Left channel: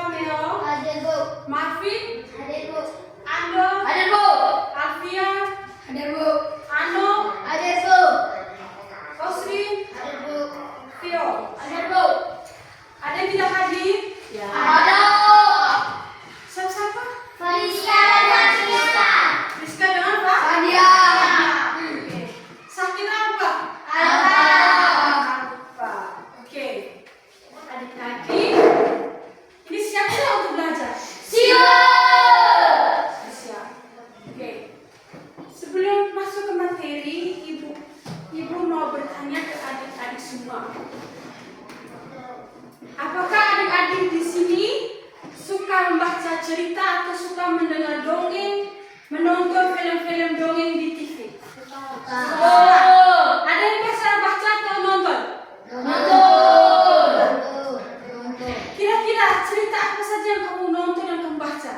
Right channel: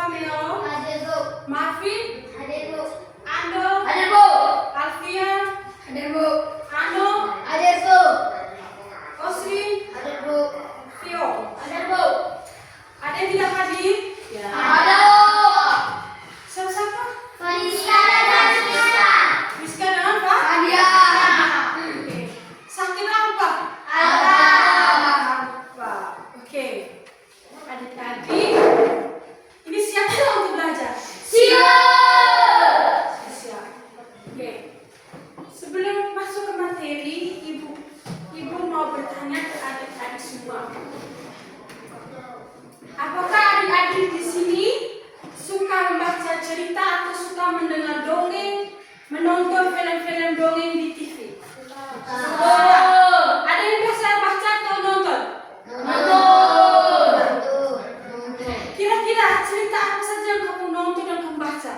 Fameo? Hadir, Bu. Marvin? Hadir, Bu. Ando? Hadir, Bu. Alfian? Hadir, Bu. Ano? Hadir, Bu. Oswin? Hadir, Bu. Vio? Hadir, Bu. Ada yang tidak hadir? Ya. Ada. Siapa-siapa? Fariska dan Rizka. Rizka dengan Pak? Fadia. Oke. Sakit apa? Alfa. Apa? Oke. Adik-adik, ini siap tidak untuk belajar? Siap. Siap. Oke. Sebelum masuk ke materi, Ibu mau bertanya ke adik-adik semua. Apakah adik-adik di sini suka membaca cerita atau suka mendengar dongeng, menonton film-film dongeng di TV? Ada yang biasa baca atau nonton? Kira-kira cerita apa saja yang kamu nonton dan kamu baca?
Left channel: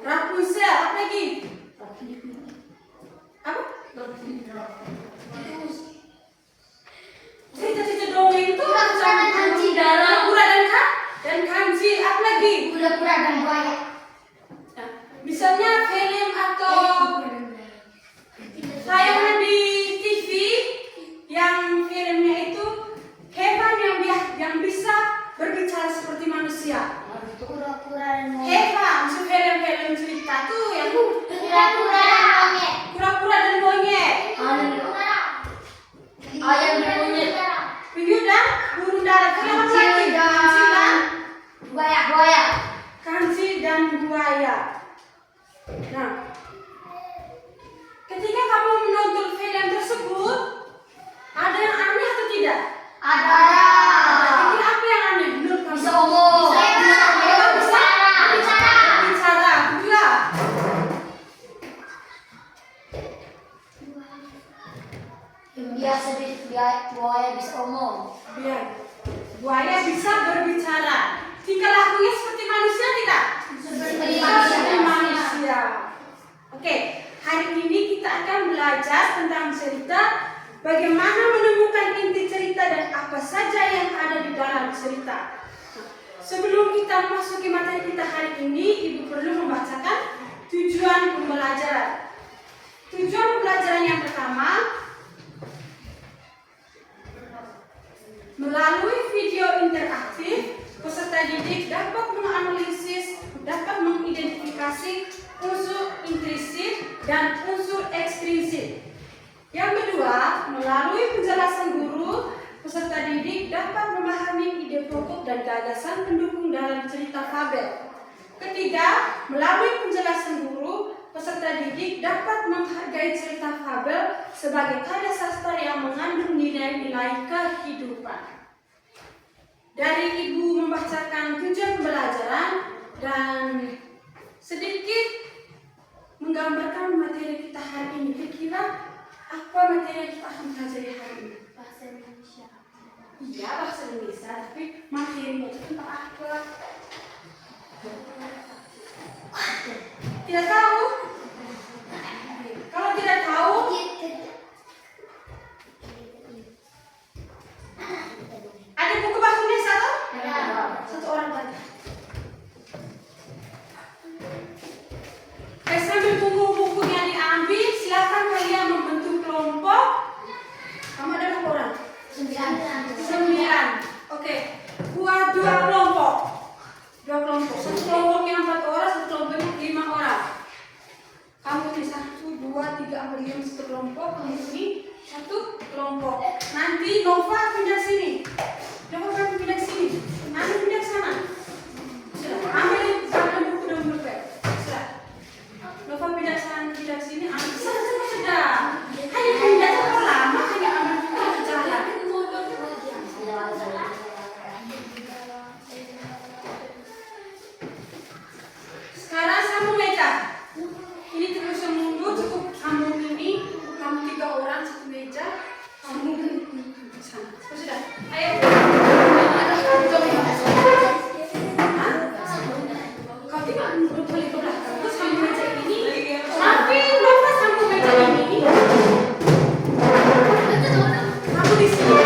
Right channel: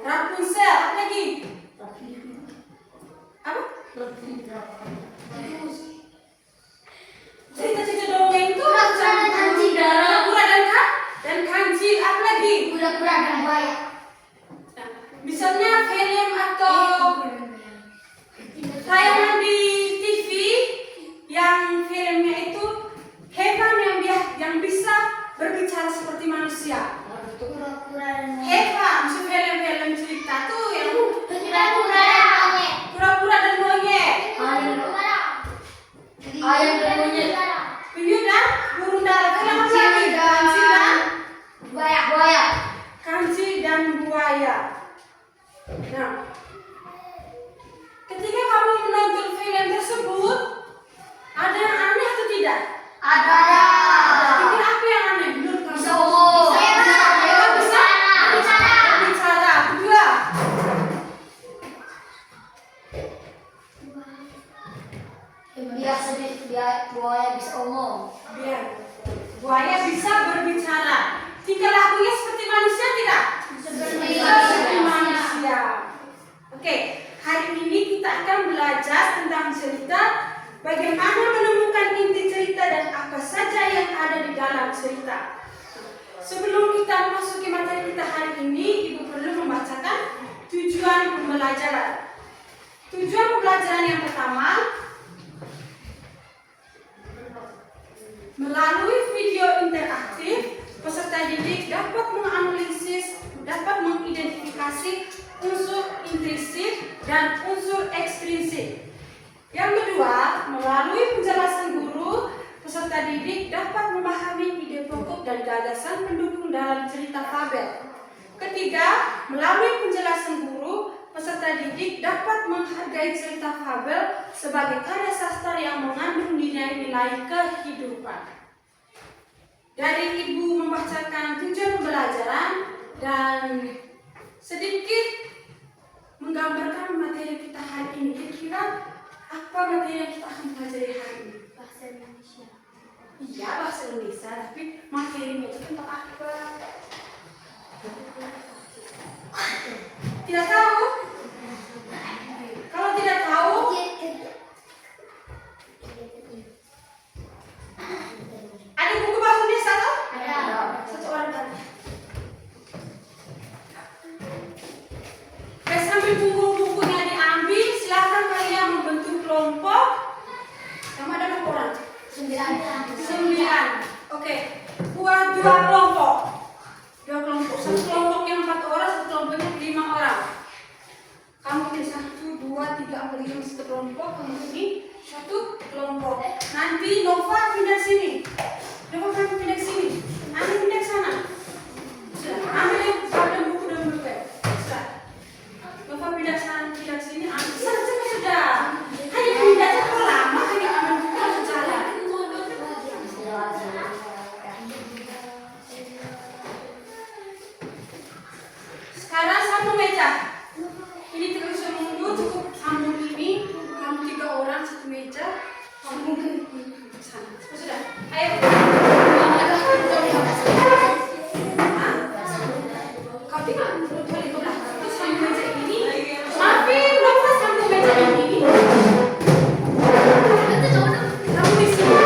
Rapunzel, apa lagi? Apa? Cerita-cerita dongeng itu Kura-kura dan Kanji, apa lagi? Kura-kura dan buaya. Nah, misalnya film atau tayangan di TV yang filmnya itu hewan yang bisa berbicara seperti manusia. Kura-kura dan buaya. Hewan, maksud film-film cerita tuh yang Kura-kura dan monyet. kura-kura dan monyet, Ayam dan monyet. penyu dan burung dara. Film apa lagi? Buaya. Kanji dan buaya. Nah, ketika kamu menonton film tersebut, ada yang aneh atau tidak? Ada. Mungkin apa yang aneh menurut kamu? Bisa ngomong. Hewan bisa bicara. Kedua, Buaya bisa ngomong. biar buaya bisa berbicara. Tingkah lakunya seperti manusia tidak? Seperti manusia. Oke, hari ini kita akan belajar tentang cerita, bagaimana menemukan inti cerita dan apa saja yang ada di dalam cerita. Sebelum kita memasuki materi kita hari ini, Ibu perlu membacakan tujuan pembelajaran. Tujuan pembelajaran yang pertama, melalui video interaktif, peserta didik dapat menganalisis, dapat mengidentifikasi unsur intrinsik dan unsur ekstrinsik. Yang kedua, melalui penjelasan guru, peserta didik dapat memahami ide pokok dan gagasan pendukung dalam cerita fabel. Ketiga, melalui penjelasan guru, peserta didik dapat menghargai cerita fabel sebagai karya sastra yang mengandung nilai-nilai kehidupan. Dari Ibu membacakan tujuan pembelajaran dan sedikit menggambarkan materi kita hari ini. Kira-kira apa materi yang kita akan pelajari hari ini? Bahasa Indonesia. Iya, bahasa Indonesia, tapi materinya itu tentang apa? Tidak tahu? Kalau tidak tahu, ada buku bahasa Indonesia atau? Ada. Satu orang kan? Baik, sambil tunggu bukunya diambil, silakan kalian membentuk kelompok. Kamu ada berapa orang? 9. Oke, buat 2 kelompok. 2 kelompok. Satu kelompoknya 4 orang, satu kelompoknya 5 orang. Kamu ini 1, 2, 3, 4, 5 satu kelompok. Kamu ini satu kelompok. Nanti Nova pindah sini. Nova kamu pindah sini. Nanti pindah sana. Sudah. Ambil buku dan pulpen. Sudah. Nova pindah sana, pindah sini. Ambil sana sudah. Hanya pindah terlalu lama. Hanya ambil buku langsung jalan. Sekarang sambung meja. Ini terus mundur, cukup sambung ini. Kamu 3 orang satu meja. Sambung ke sana. Sudah. Ayo. Hah? Kau tinggal boleh ke belakang. Terus sambung meja ini. Tapi Nova sambung meja ini. Kamu di sini.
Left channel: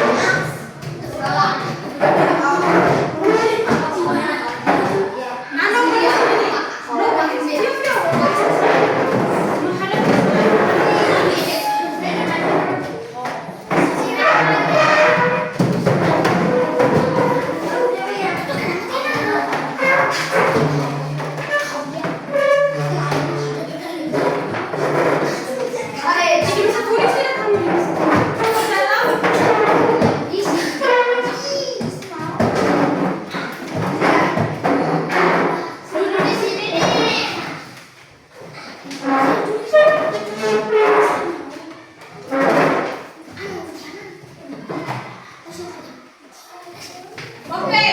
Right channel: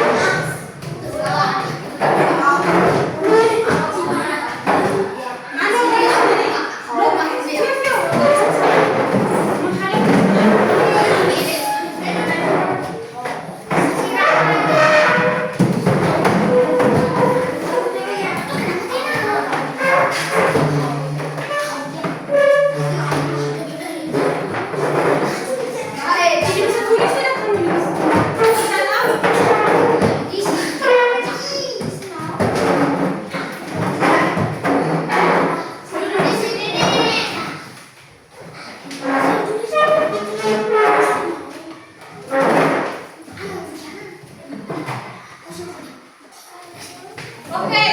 Oke,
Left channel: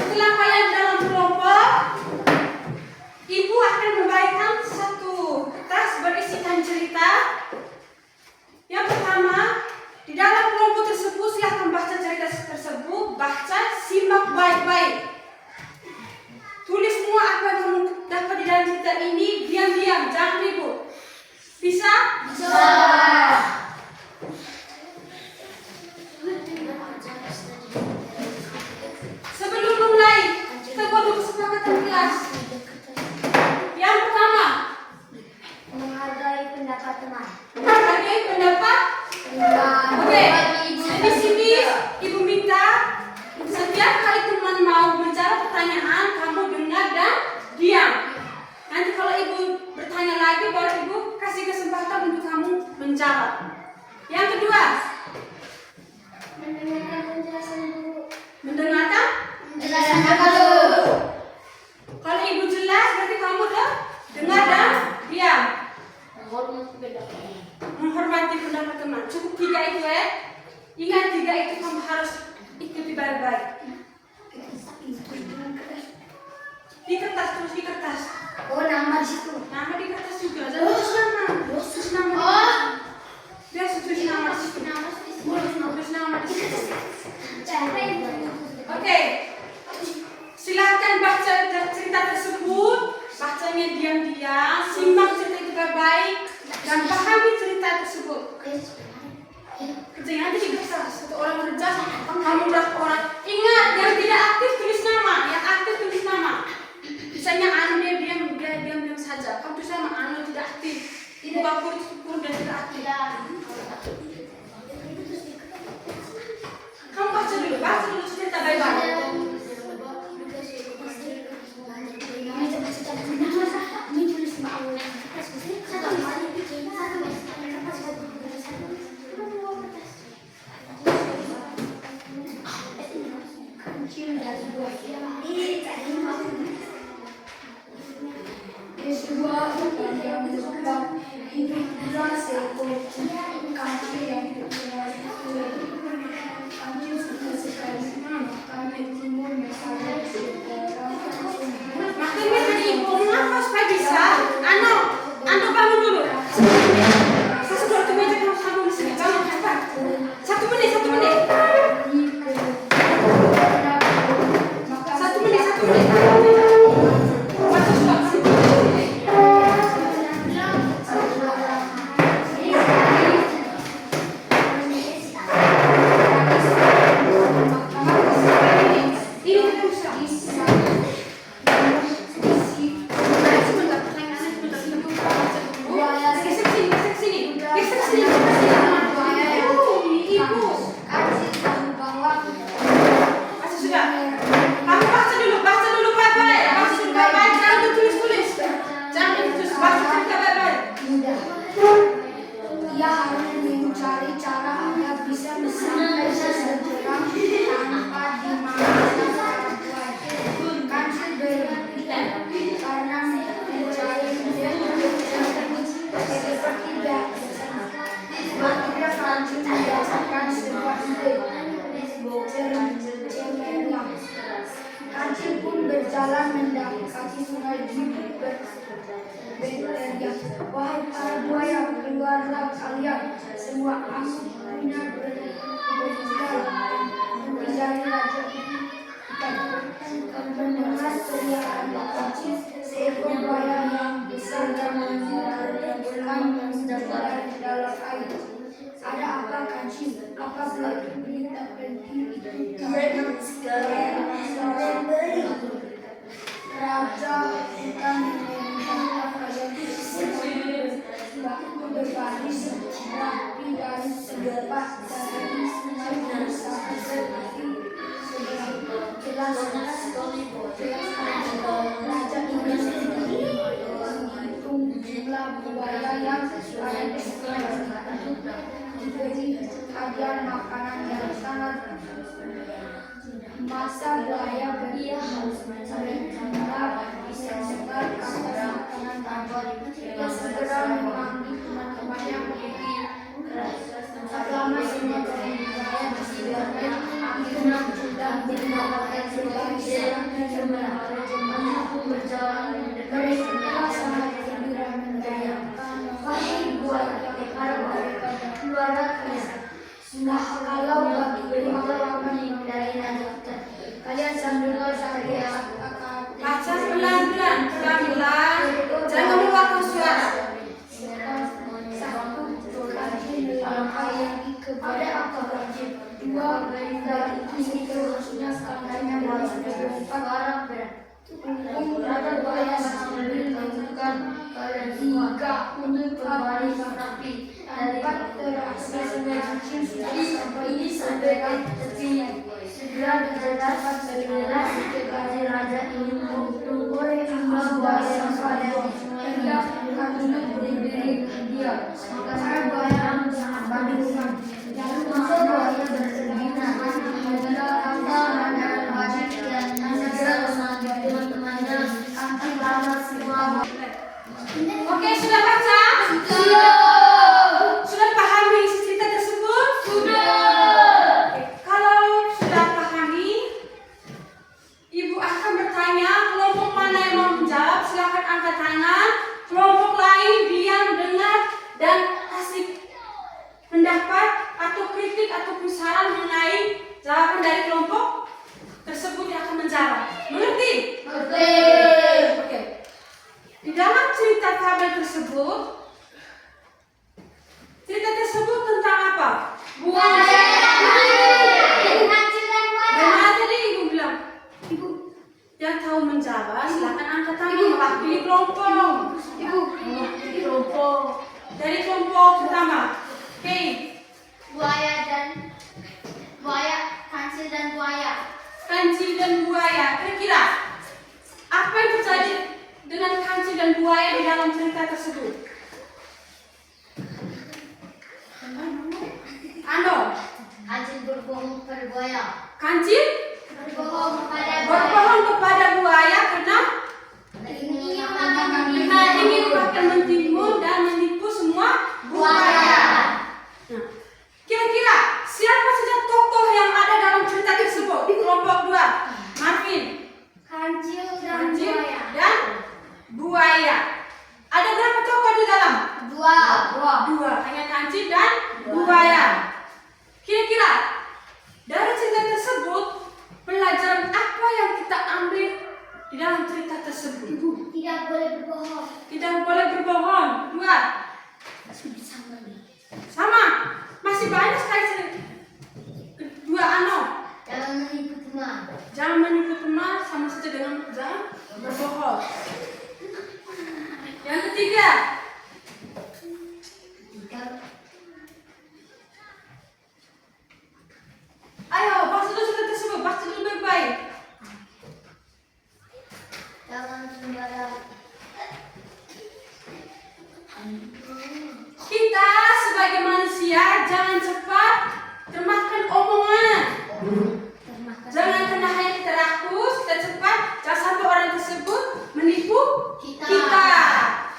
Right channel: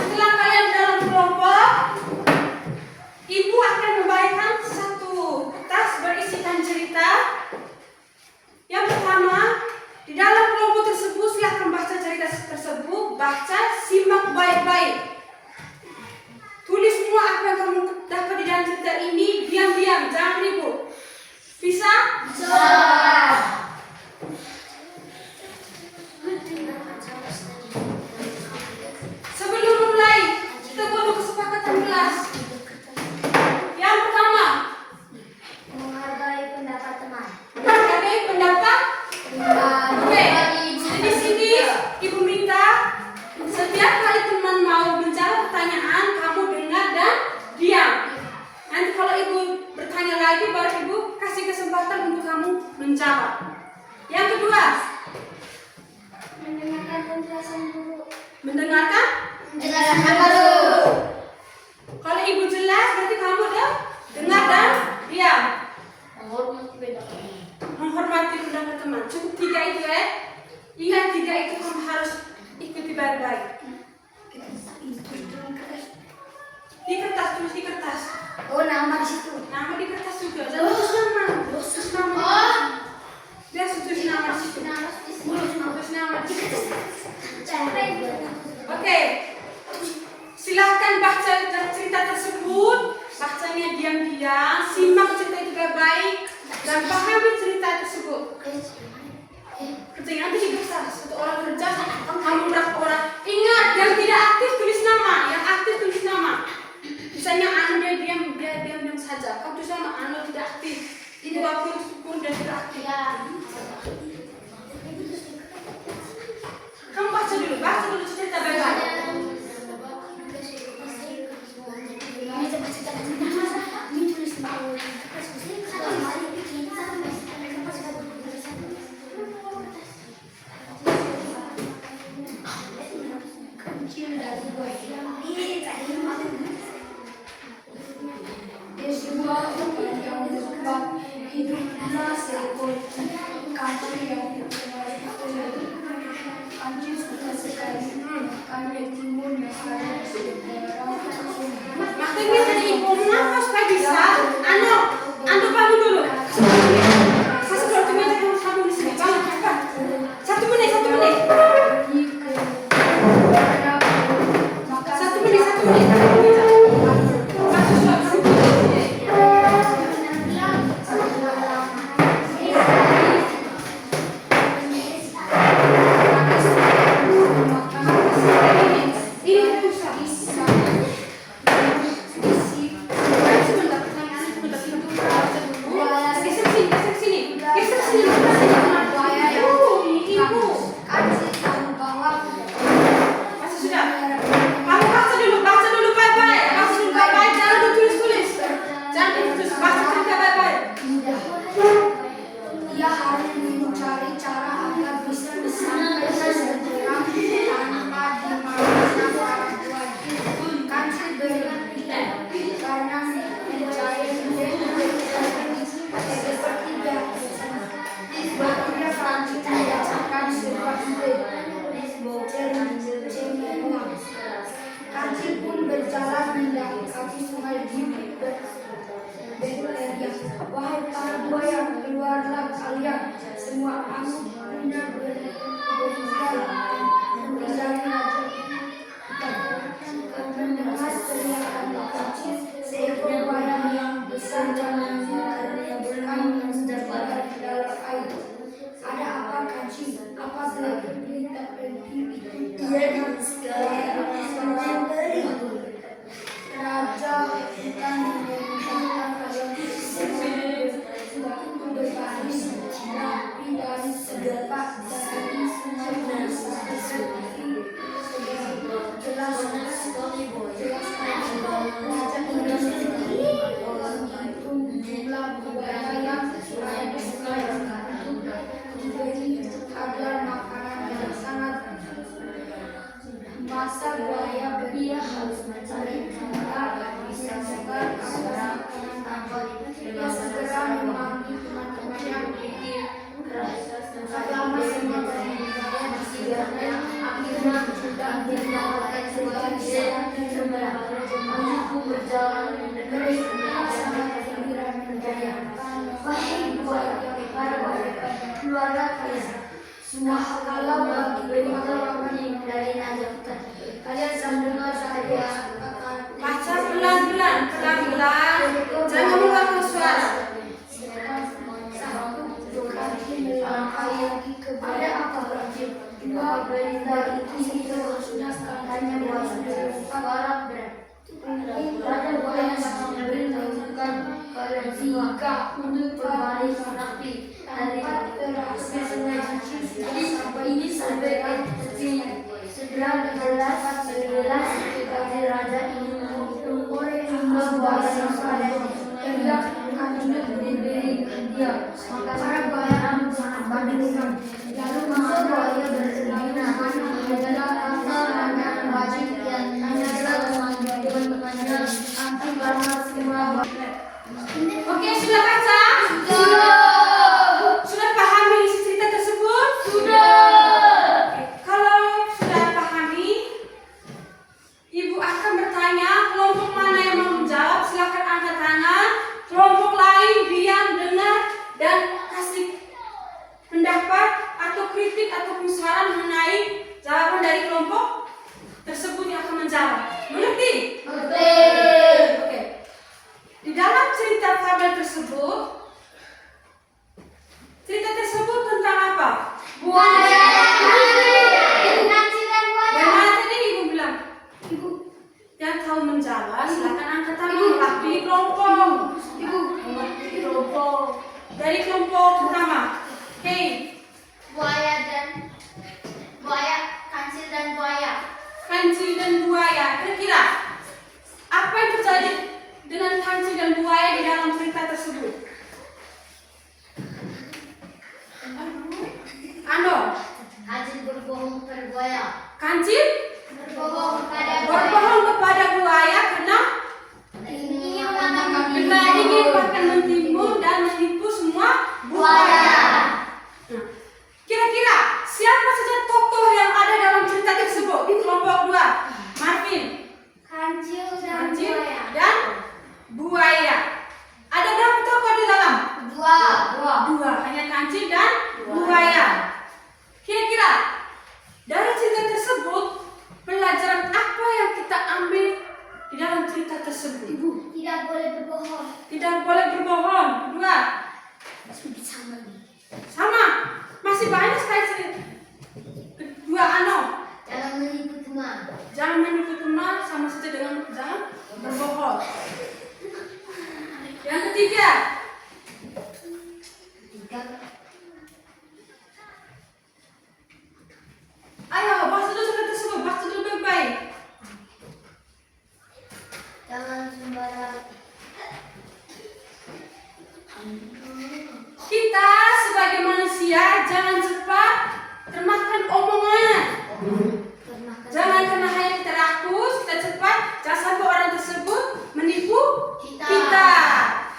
setelah kalian dalam kelompok, ibu akan membagikan satu kertas berisikan cerita. Yang pertama, di dalam kelompok tersebut silahkan baca cerita tersebut, baca, simak baik-baik. Tulis semua apa yang kamu dapat di dalam cerita ini, diam-diam, jangan ribut. Bisa? Bisa. Sebelum mulai, kita buat kesepakatan kelas. Yang pertama, Menghargai pendapat teman. menghargai pendapat. Oke, di sini ibu minta setiap kali teman mau menjawab pertanyaan, kamu dengar dan diam. Nanti kalau ibu bertanya lagi, baru ibu kasih kesempatan untuk kamu menjawab. Yang kedua, Mendengarkan penjelasan guru. mendengarkan. Menjelaskan guru. Kalau ibu jelas, berarti kamu udah dengar dan diam. Menghormati pendapat. Menghormati pendapat teman. Cukup 3 itu ya. Ingat 3 itu kamu harus ikuti baik-baik. Di kertas, tulis di kertas. Oh, nama di situ. Nama di kertas juga. Jangan tulis nama. Tulis nama. Oh. Biar tulis nama di situ. Tulis nama di situ. Oke. Silahkan baca cerita tersebut. Bacanya diam-diam. Simak cerita itu baik-baik dan pahami cerita tersebut. Kerjanya nanti di kertas. Satu orang kerja, kamu berapa orang. Ingat, yang tidak aktif tulis nama, yang aktif tulis nama. Misalnya Anu dia diam saja. Kamu tulis nama Anu tidak aktif. Ibu aku syukur dia tidak aktif. Kamu baca dulu cerita baik-baik. Makanya tadi ibu kenapa supaya bisa? Anu bangun dulu. Satu dua tiga kamu di sini. Bangun cepat. 1 menit. 1 menit. 1 menit. Masuk suatu. berjalan mendekati sungai Gibeon. Wahai para buaya, keluarlah kalian semua, aku punya berbicara dari raja mendengar teriakan kunci seekor buaya yang besar dan berenang dari dalam air. Ada apa kancing? Apa berita penting itu? Raja hutan memerintahkan kalian berbaris rapi dari sebelah dari sungai dan sampai seperti jelas raja ingin menghitung jumlah buaya yang ada di sungai untuk diberi agar makanan yang sangat masa buaya beria harus mencari bisa sebar agar makanan tambah. Dia segera memanggil teman-temannya selama semua buaya di sekitarnya sudah sebuah ide yang cemerlang, mampu berjalan dari sebuah sangat gembira menjadi wahai buaya, para buaya, keluarga kalian. Sudah kalau bagi pengalaman dari nada kita, kalian sambil saya Baca pelan-pelan, pelan-pelan. Jangan mengeluarkan suara. Ada apa wajib? Dua dari itu sudah katanya buaya suara berat. Raja buaya sambil menunjukkan kalian tiga untuk berbaris rapi dari spesimen kecil sampai ini sampai kecil. Segera dijelaskan sejelas dari raja ini oleh jumlah buaya yang ada. Dia akan diberi dia. Para buaya membandingkan. Lalu masa buaya berzina adalah kata dan wajib dan adalah teman-temannya anti lama semua. Oke, sudah baca? Sudah pahami isi cerita tersebut? Kalau sudah pahami, Ibu akan bertanya kelompok mana yang mau menjawab. Silakan angkat tangan. Kelompok lain diam, dengar, dan kasih pendapat atau kritik ataupun saran mengenai jawaban dari kelompok tersebut yang akan menjawab. Mengerti? Oke. Di dalam cerita fabel tersebut, cerita tersebut tentang apa? Buaya. Bagaimana tadi Ibu bilang? Ibu yang tahu menjawab, silakan angkat tangan. Wakili kelompok. Kelompok. Dari kelompok pertama. Hei. Kancil dan buaya. Kancil dan buaya. Kira-kira apa yang terjadi dengan kancil dan buaya di dalam cerita tersebut? Ando. Kancil berbohong kepada buaya. Kancil berbohong kepada buaya karena ingin bahkan mentimbun dan menipu semua buaya. Nah, kira-kira siapa saja tokoh yang ada dalam cerita tersebut di kelompok 2? Marvin, Kancil Kancil dan buaya. Ada berapa tokoh di dalam? Dua. Hanya kancil dan buaya. Kira-kira dari cerita tersebut pelajaran apa yang kita ambil di dalam cerita tersebut? Ibu tidak boleh berbohong. Tidak boleh berbohong. 2. Sama. Masih banyak sekali cerita. 2 ano. Jangan menipu teman. Jangan menipu teman, sama saja dengan jangan berbohong. Yang ketiga. Ayo, bahas dulu cerita tersebut. Bahas dulu baik-baik. Jangan sembarang. Kita sebagai manusia jangan cepat termakan omongan. Jangan kena hanya kita rakus, kita cepat. Jangan sampai orang tersebut menipu kita.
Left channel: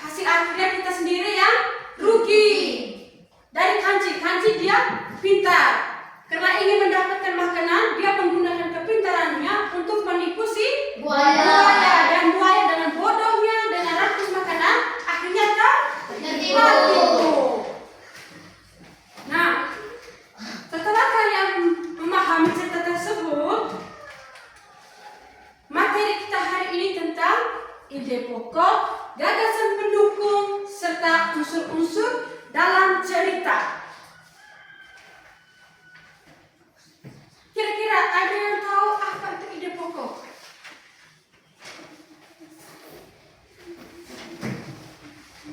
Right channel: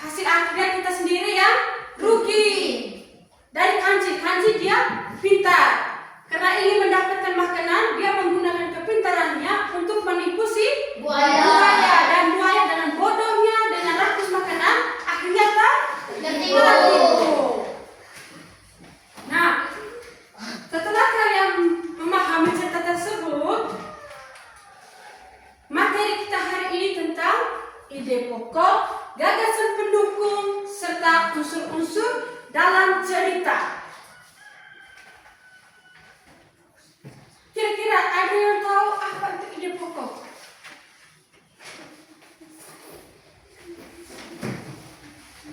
Hasil akhirnya kita sendiri yang rugi. Dari kancil dia pintar. Karena ingin mendapatkan makanan, dia menggunakan kepintarannya untuk menipu si buaya. Dan buaya dengan bodohnya, dengan rakus makanan, akhirnya tertipu. Nah, setelah kalian memahami cerita tersebut, materi kita hari ini tentang ide pokok, gagasan pendukung, serta unsur-unsur dalam cerita. Kira-kira ada yang tahu apa itu ide pokok?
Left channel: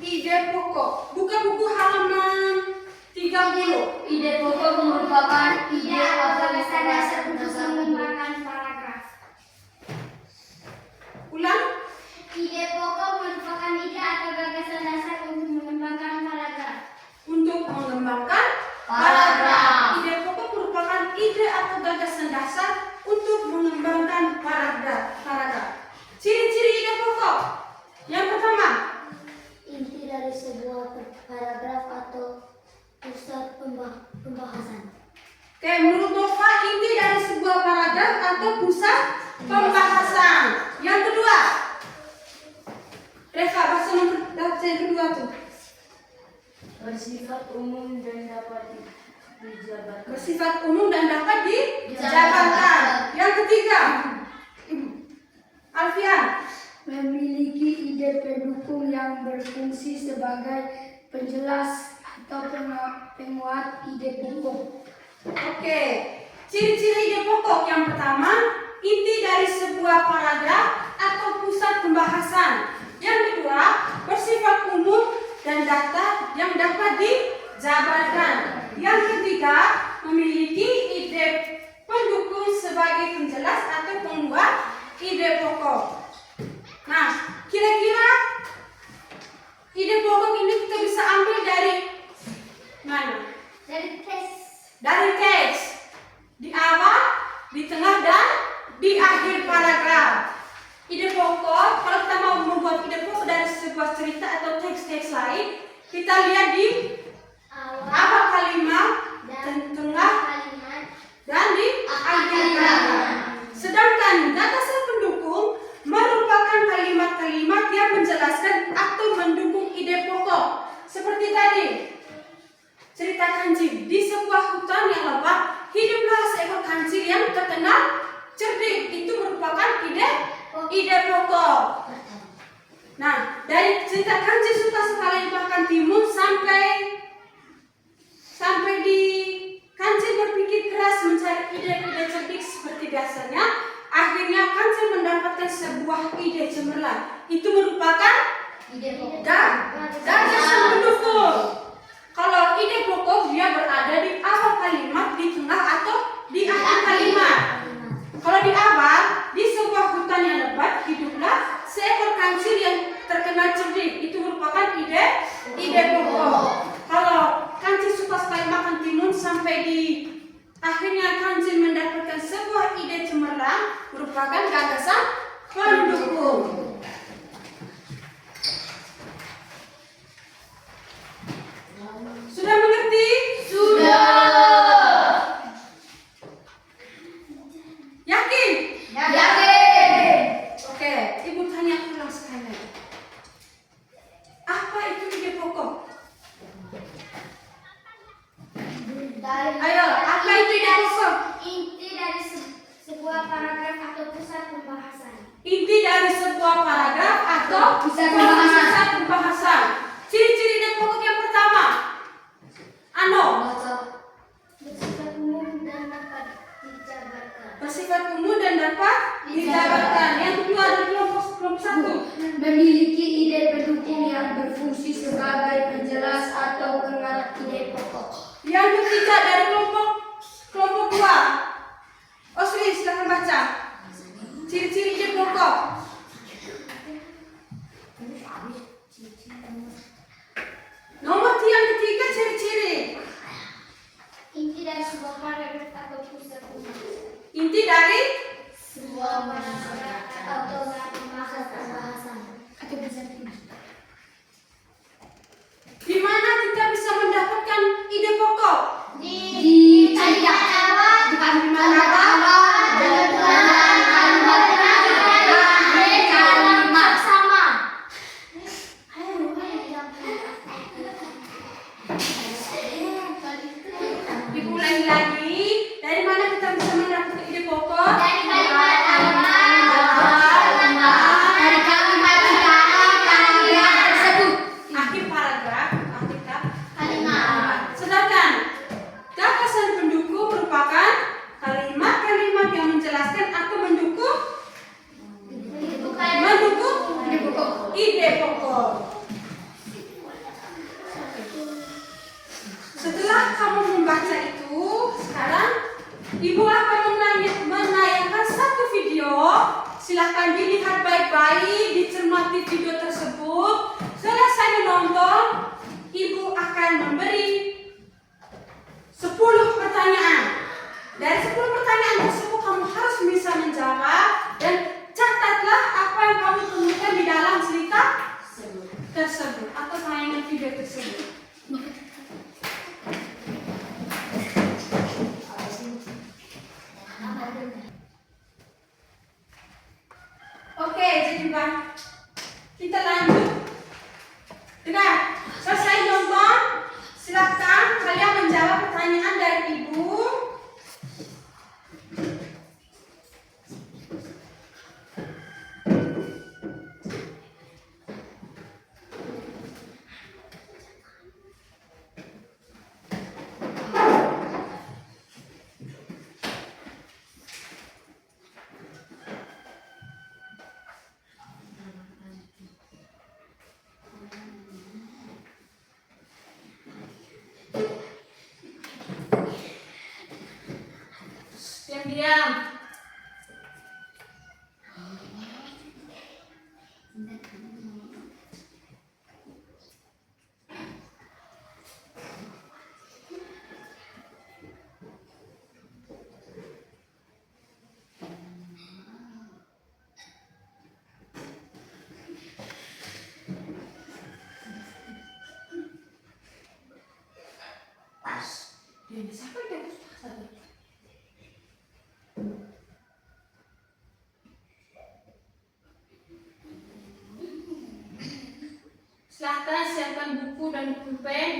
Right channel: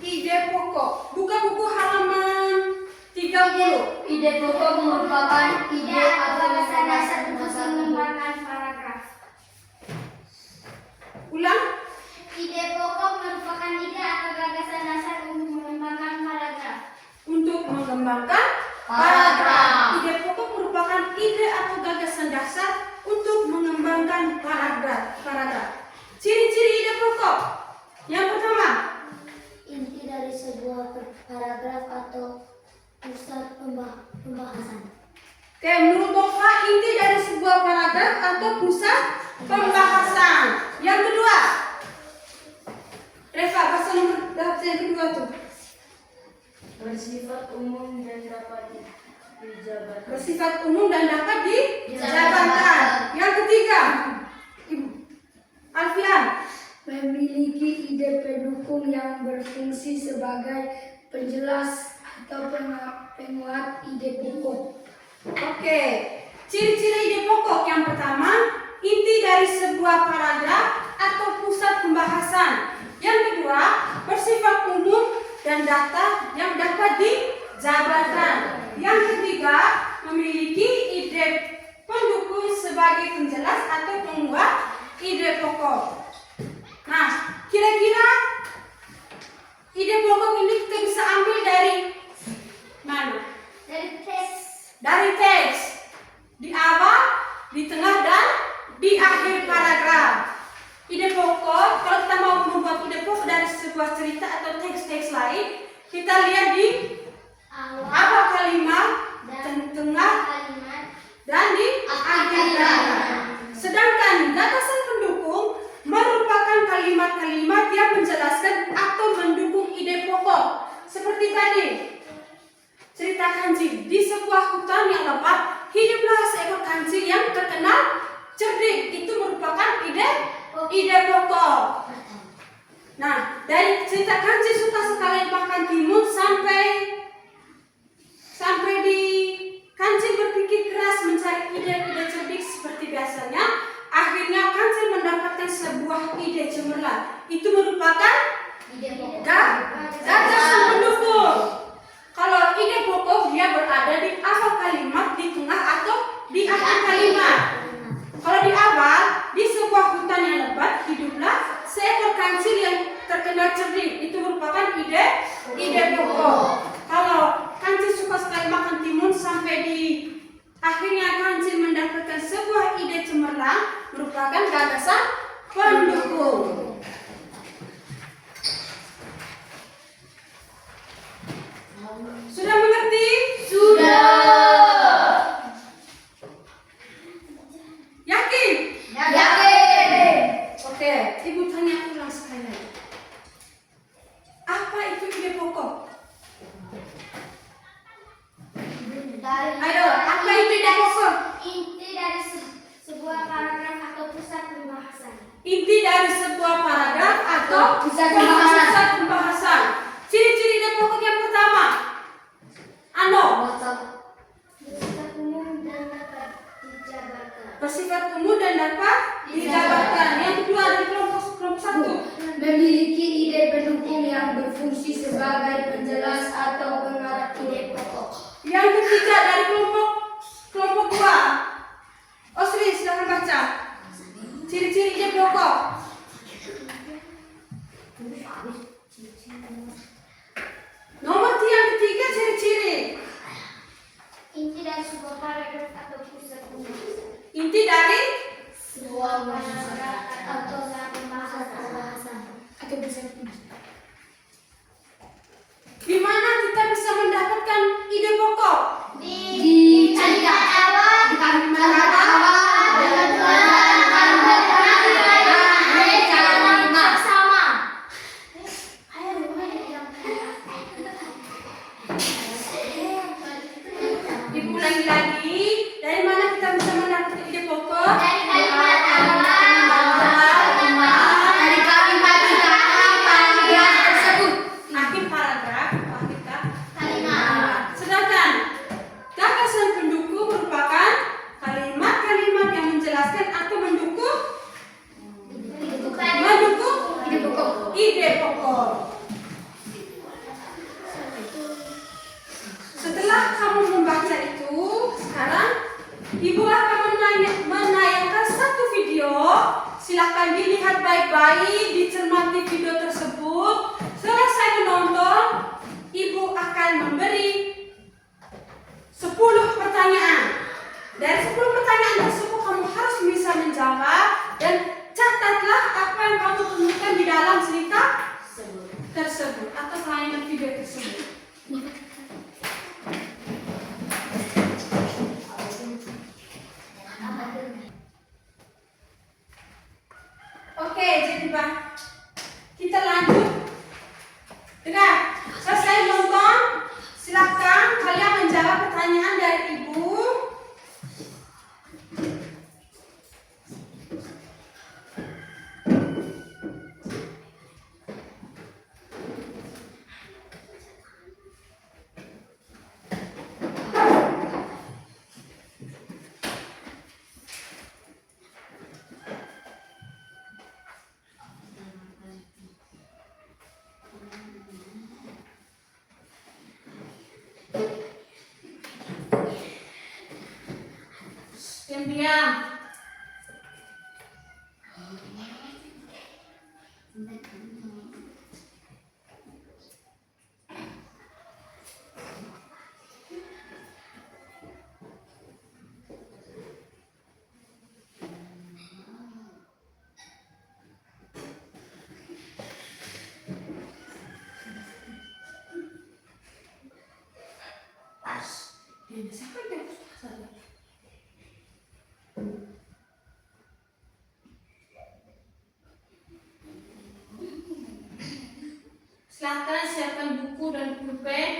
Ide pokok. Buka buku halaman 30. Ide pokok merupakan ide atau dasar untuk mengembangkan paragraf. Ulang. Ide pokok merupakan ide atau gagasan dasar untuk mengembangkan paragraf. Untuk mengembangkan paragraf. Ide pokok merupakan ide atau gagasan dasar untuk mengembangkan paragraf. Ciri-ciri ide pokok. Yang pertama, Inti dari sebuah paragraf atau pusat pembahasan. menurut Nova, inti dari sebuah paragraf atau pusat pembahasan. Yang kedua, Reva, bahasa nomor yang kedua tuh. Bersifat umum dan dapat dijabarkan. Bersifat umum dan dapat dijabarkan. Yang ketiga, Alfian. Memiliki ide pendukung yang berfungsi sebagai penjelas atau penguat ide pokok. Oke, ciri-ciri ide pokok yang pertama, inti dari sebuah paragraf atau pusat pembahasan. Yang kedua, bersifat umum dan data yang dapat dijabarkan. Yang ketiga, memiliki ide pendukung sebagai penjelas atau penguat ide pokok. Nah, kira-kira ide pokok ini kita bisa ambil dari mana? Dari teks. Di awal, di tengah, dan di akhir paragraf. Ide pokok, kalau kita mau membuat ide pokok dari sebuah cerita atau teks-teks lain, kita lihat di awal kalimat, dan tengah, dan di akhir kalimat. Sedangkan gagasan pendukung merupakan kalimat-kalimat yang menjelaskan atau mendukung ide pokok. Seperti tadi, cerita kancil. Di sebuah hutan yang lebat, hiduplah seekor kancil yang terkenal cerdik. Itu merupakan ide pokok. Nah, dari cerita kancil suka sekali bahkan timun sampai di kancil berpikir keras mencari ide-ide cerdik seperti biasanya. Akhirnya kancil mendapatkan sebuah ide cemerlang. Itu merupakan gagasan pendukung. Kalau ide pokok dia berada di awal kalimat, di tengah, atau di akhir kalimat. Kalau di awal, di sebuah hutan yang lebat, hiduplah seekor kancil yang terkenal cerdik. Itu merupakan ide pokok. Kalau kancil suka sekali makan timun sampai di akhirnya kancil mendapatkan sebuah ide cemerlang, merupakan gagasan pendukung. Sudah mengerti? Sudah. Yakin? Yakin. Oke, Ibu tanya ulang sekali lagi. Apa itu ide pokok? Ayo, apa itu ide pokok? Inti dari sebuah paragraf atau pusat pembahasan. Inti dari sebuah paragraf atau Pusat pembahasan. Ciri-ciri ide pokok yang pertama. Bersifat umum dan dapat dijabarkan. Bersifat umum dan dapat dijabarkan. Yang kedua dari kelompok satu. Memiliki ide pendukung yang berfungsi sebagai penjelas atau penguat ide pokok. Yang ketiga dari kelompok dua. Osri, silakan baca. Ciri-ciri ide pokok. Nomor yang ketiga, ciri-ciri. Inti dari sebuah paragraf atau pusat pembahasan. Inti dari Sebuah paragraf atau pembahasan. Atau pusat pembahasan. Di mana kita bisa mendapatkan ide pokok? Di kalimat awal, di kalimat awal, dengan kalimat sama. Diulangi lagi. Dari mana kita bisa mendapatkan ide pokok? Dari kalimat awal, dari kalimat utama paragraf tersebut. Akhir paragraf, akhir Kalimat. sedangkan gagasan pendukung merupakan kalimat-kalimat yang menjelaskan atau mendukung ide pokok. Setelah kamu membaca itu, sekarang Ibu akan menayangkan satu video. Silakan dilihat baik-baik, dicermati video tersebut. Selesai menonton, Ibu akan memberi 10 pertanyaan. Dari 10 pertanyaan tersebut kamu harus bisa menjawab dan catatlah apa yang kamu temukan di dalam cerita tersebut atau tayangan video tersebut. baik. Kita lanjut. Dengar, selesai nonton, silakan kalian menjawab pertanyaan dari ibu. Diam-diam. Siapa yang silakan siapkan buku dan pulpen.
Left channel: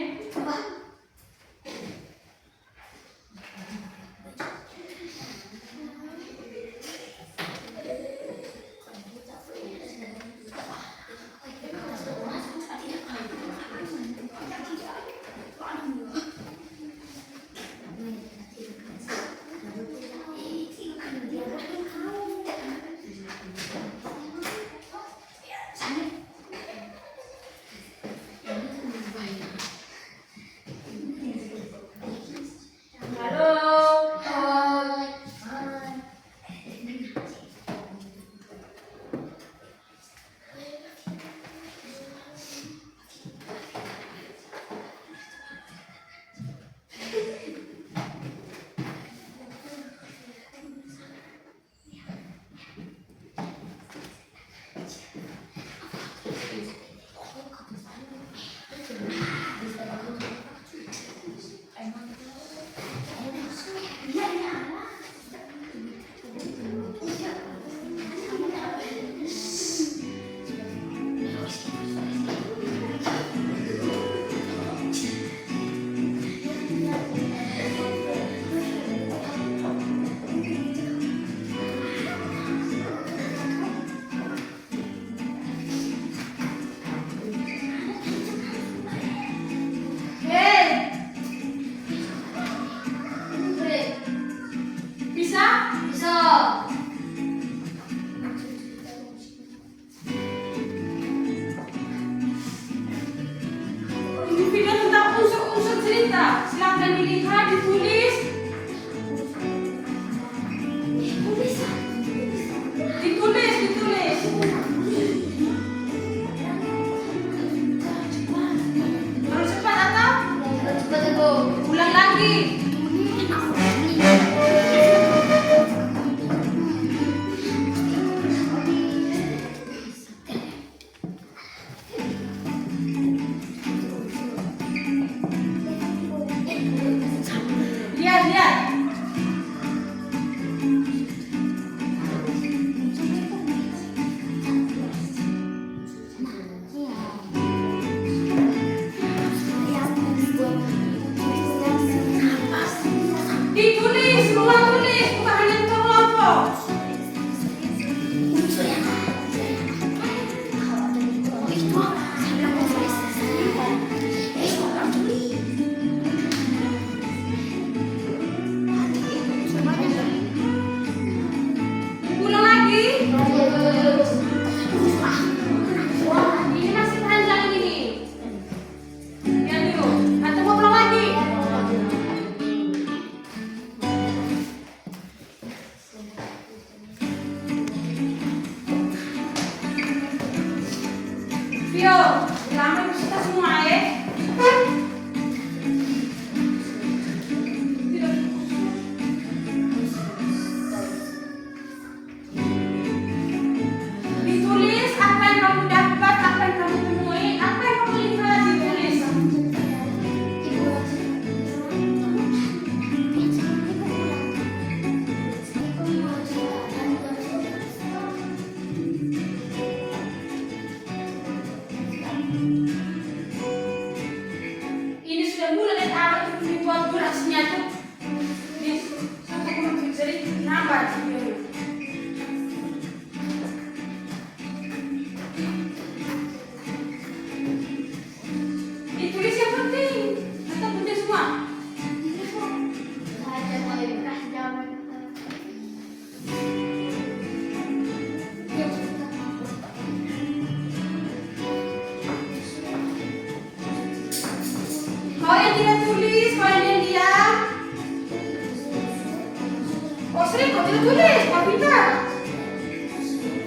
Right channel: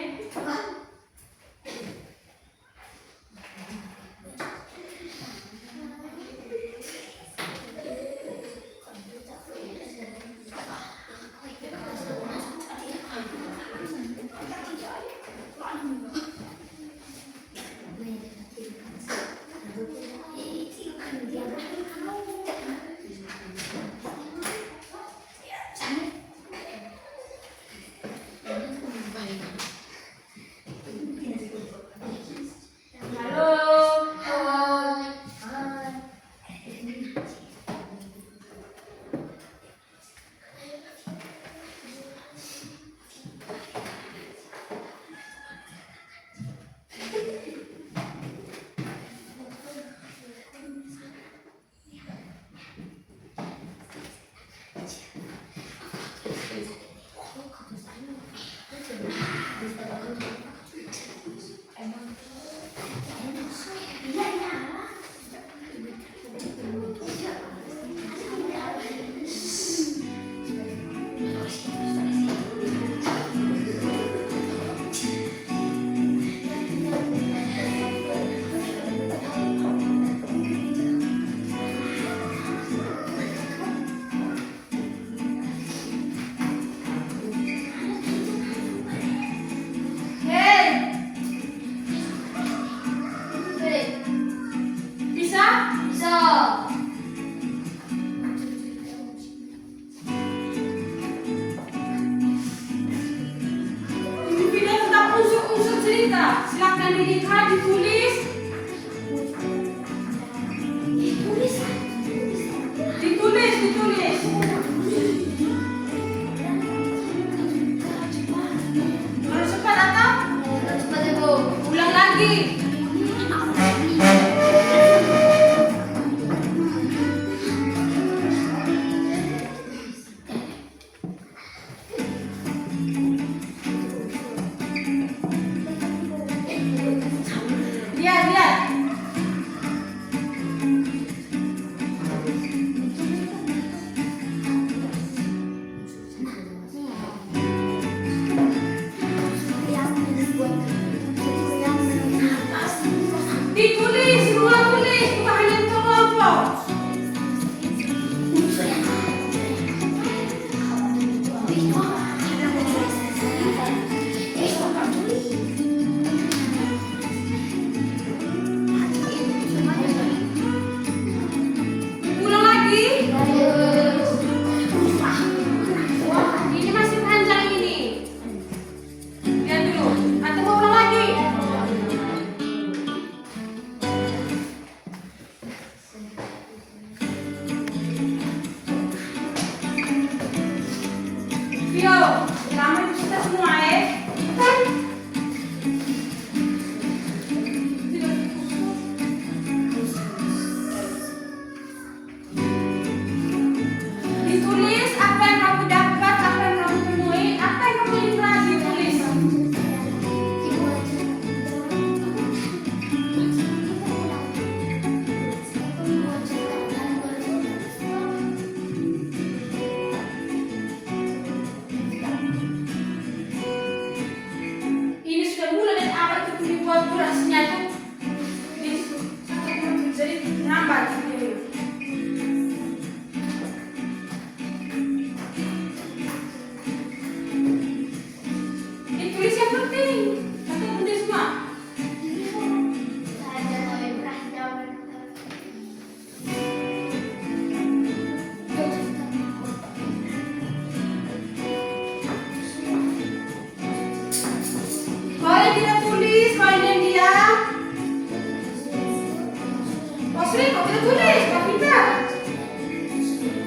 Kita tulis, Pak Peter.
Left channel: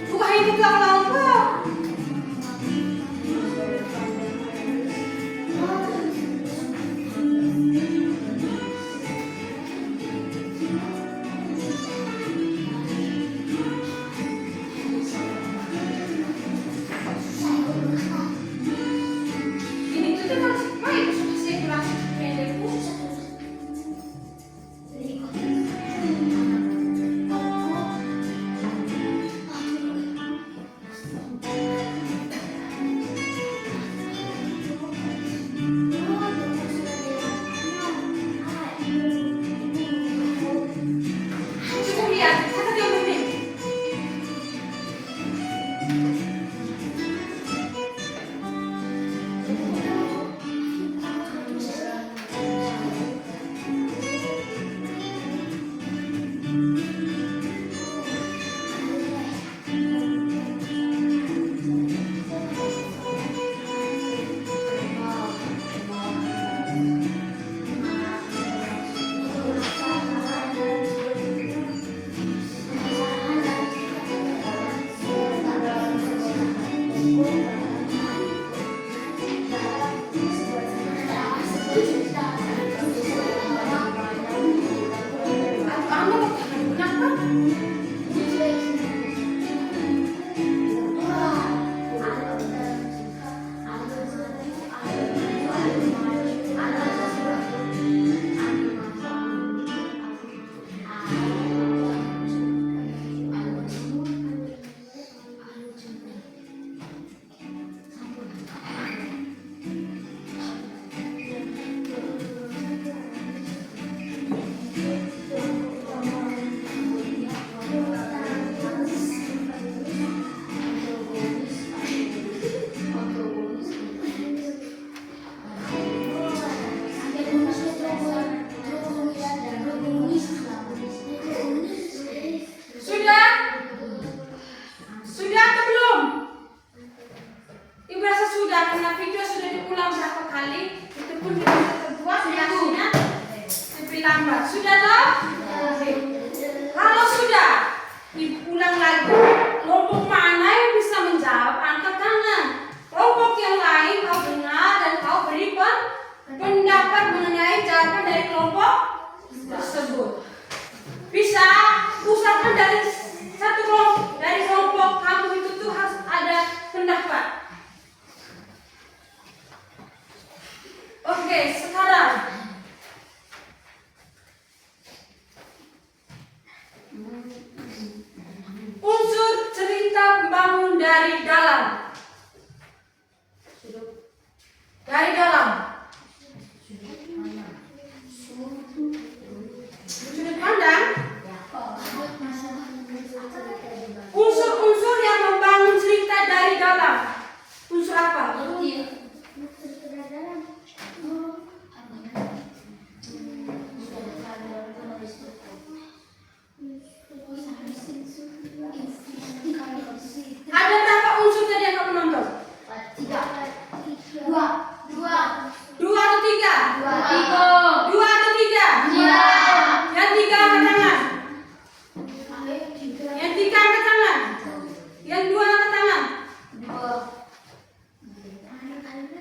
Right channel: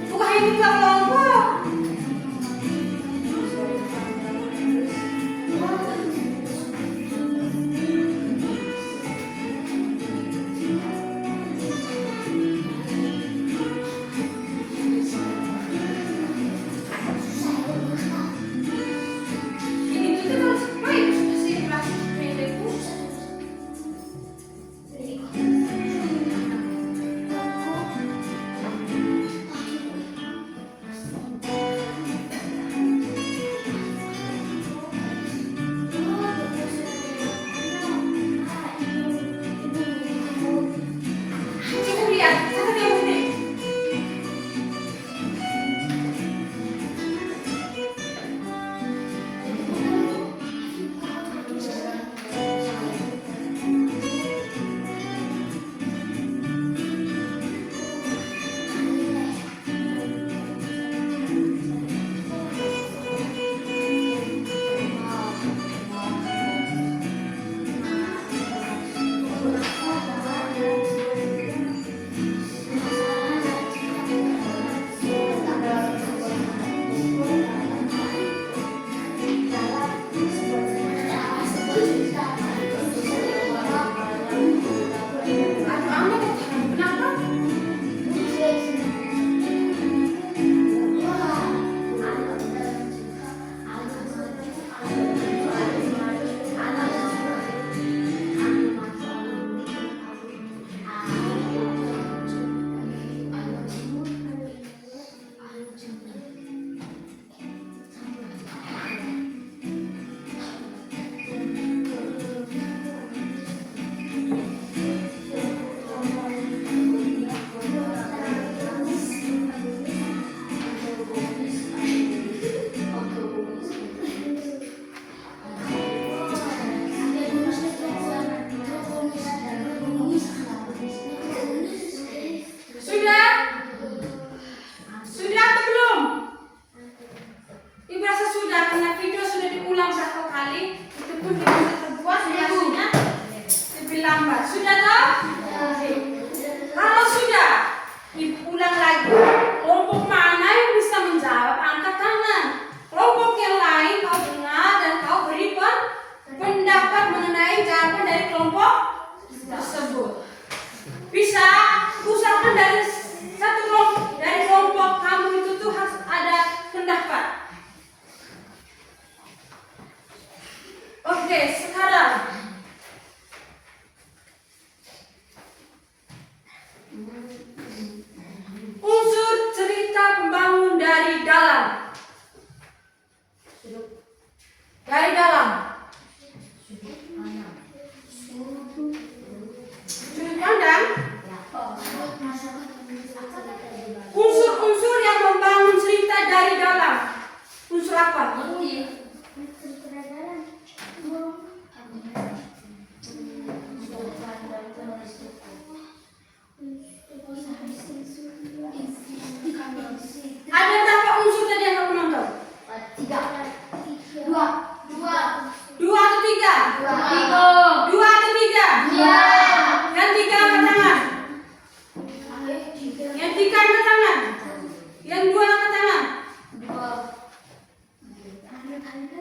Bukan hanya ketua kelompok. Sudah tahu? Kalau sudah, diulang lagi. Kelompok mana yang bisa menjawab, angkat tangan. Kelompok yang lain kau dengar dan kau beri pendapat mengenai jawaban dari kelompok tersebut. Bisa usahakan dari satu kelompok, dari kelompok kamu itu tuh harus ada pendapat. Oke, sekarang unsur cerita pembangun dari dalam. Dari dalam. Sudut pandang. Unsur-unsur yang membangun cerita dari dalam. Unsur apa? Ada berapa unsur tadi yang kamu nonton? Dua atau tiga? Dua atau tiga? Yang tiga angkat tangan. Yang tiga angkat tangan. Yang dua angkat tangan.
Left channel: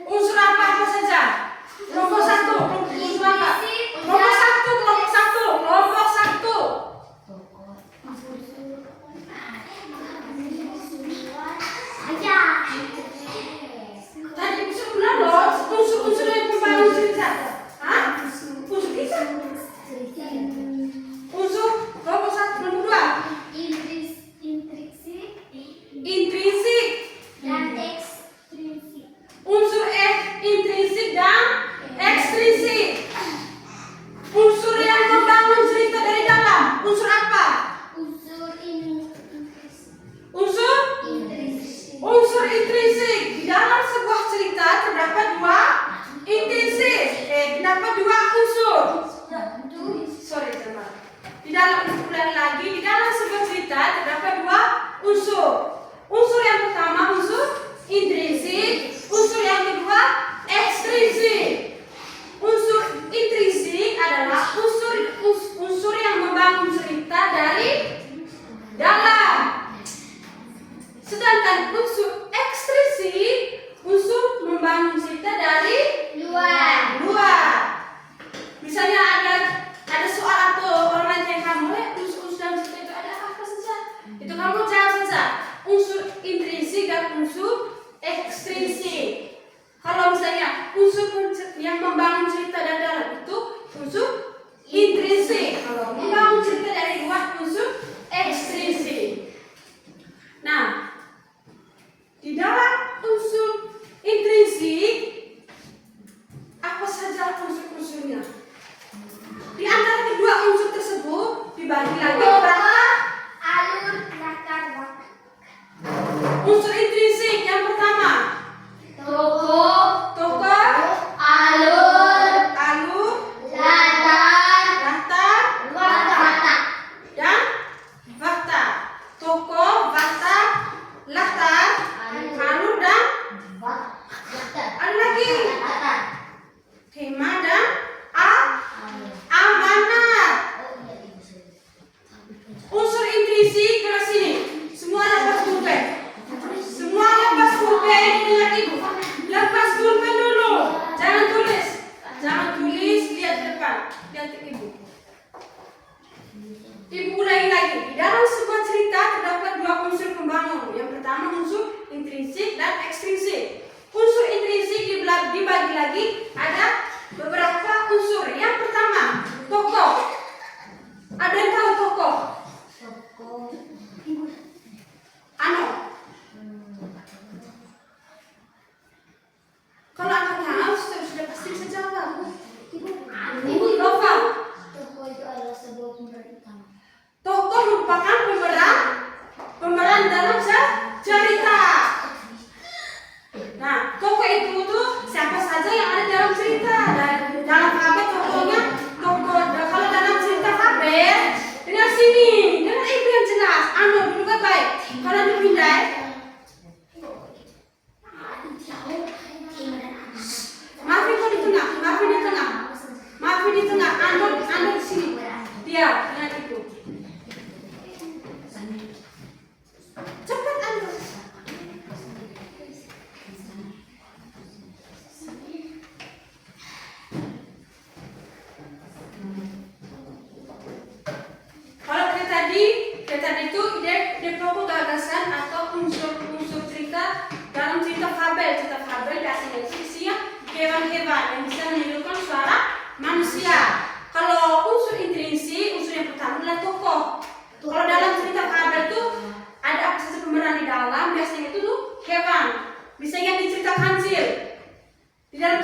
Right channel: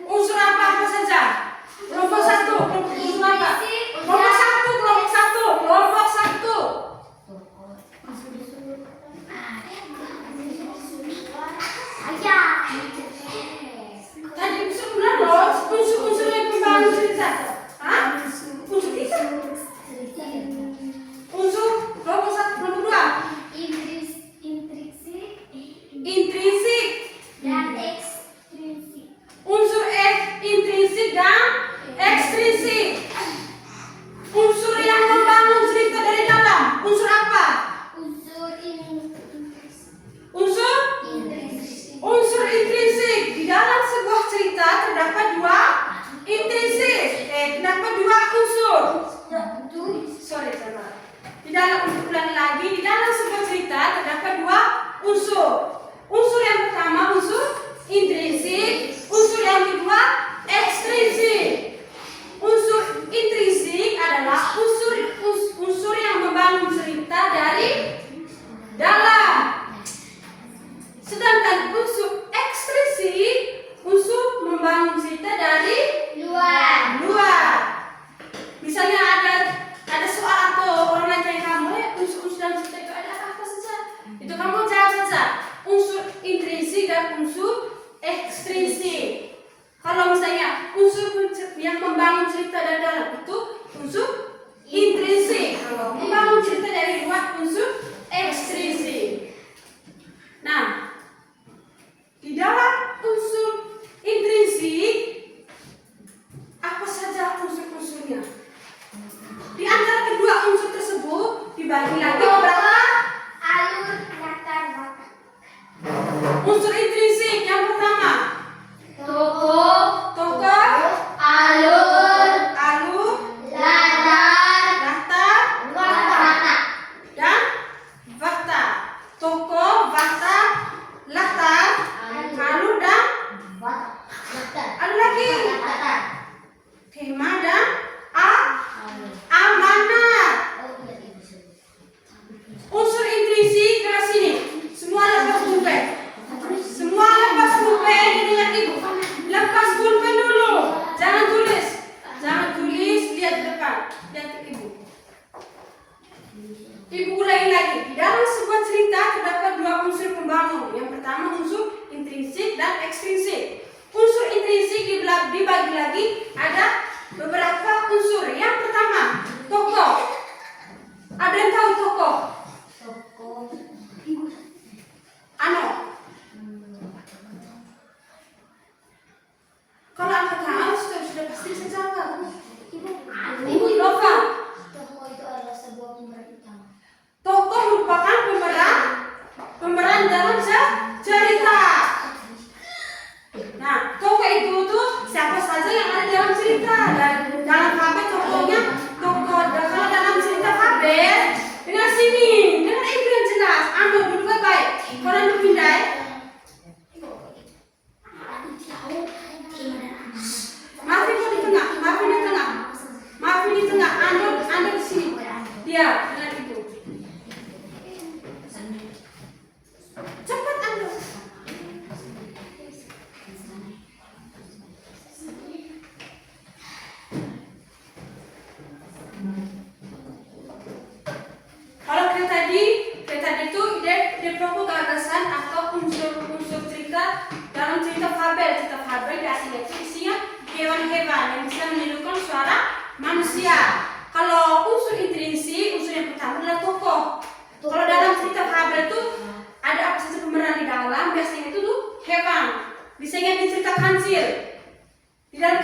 Unsur apa saja? Kelompok satu. Unsur apa? Kelompok satu. Kelompok satu. Tadi sebulan loh, unsur-unsur yang membangun cerita. Hah? Unsur tiga. Unsur kelompok satu, kelompok dua. Intrinsik. Unsur intrinsik dan ekstrinsik. Unsur yang membangun cerita dari dalam. Unsur apa? Unsur intrinsik. Di dalam sebuah cerita terdapat dua intrinsik. Terdapat dua unsur. Di dalam ulangi lagi. Di dalam sebuah cerita terdapat dua unsur. Unsur yang pertama unsur intrinsik. Unsur yang kedua ekstrinsik. Unsur intrinsik adalah unsur yang membangun cerita dari unsur ekstrinsik. Kalau misalnya unsur yang membangun cerita dan dalam itu unsur intrinsik. Kalau membangun cerita dari luar unsur ekstrinsik. Nah, di dalam unsur intrinsik apa saja unsur-unsurnya? Di antara kedua unsur tersebut dibagi lagi beberapa alur, latar, watak. unsur intrinsik. Yang pertama, tokoh, alur, latar, watak. dan fakta. Tokoh, fakta, latar, alur, dan ada lagi tema dan amanat. Unsur intrinsik ke sini. Semua lepas pulpen. Semua lepas pulpen dengan ibu. Lepas pulpen dulu. Jangan tulis. Jangan tulis, lihat depan. Lihat ke ibu. Ibu ulangi lagi. Di dalam sebuah cerita terdapat dua unsur pembangun. Yang pertama unsur intrinsik dan ekstrinsik. Unsur intrinsik dibagi lagi ada beberapa unsur. Yang pertama, tokoh. Ada yang tahu tokoh? Ano? Kalau anak tahu sudah pasti bisa jawab. Ibu Nova. Tokoh itu adalah sebuah pemeran utama. Tokoh merupakan pemeran dalam cerita. Nah, tokoh itu tuh siapa saja yang ada dalam cerita. Dan dalam fabel tokohnya tokoh. Dan kalau dalam cerita fabel dengan sini, dengan ibu yang jelas. Anu duduk baik. Kalau anu pindai. Maafin kau di tengah. Maafin di tengah. Maafin di tengah. Anu di sini. Dia dengan ibu. Cepat anu. Kalau tadi itu ide pokok gagasan atau unsur-unsur cerita dalam cerita fabel. Cerita fabel biasanya itu isinya hewan-hewan yang bisa menirukan suara manusia. Kalau unsur intrinsik, unsur yang pertama adalah tokoh. Kalau dalam cerita fabel itu ada apa saja pemeran di dalam, biasanya itu tuh hewan. Misalnya di cerita kancil. Di dalam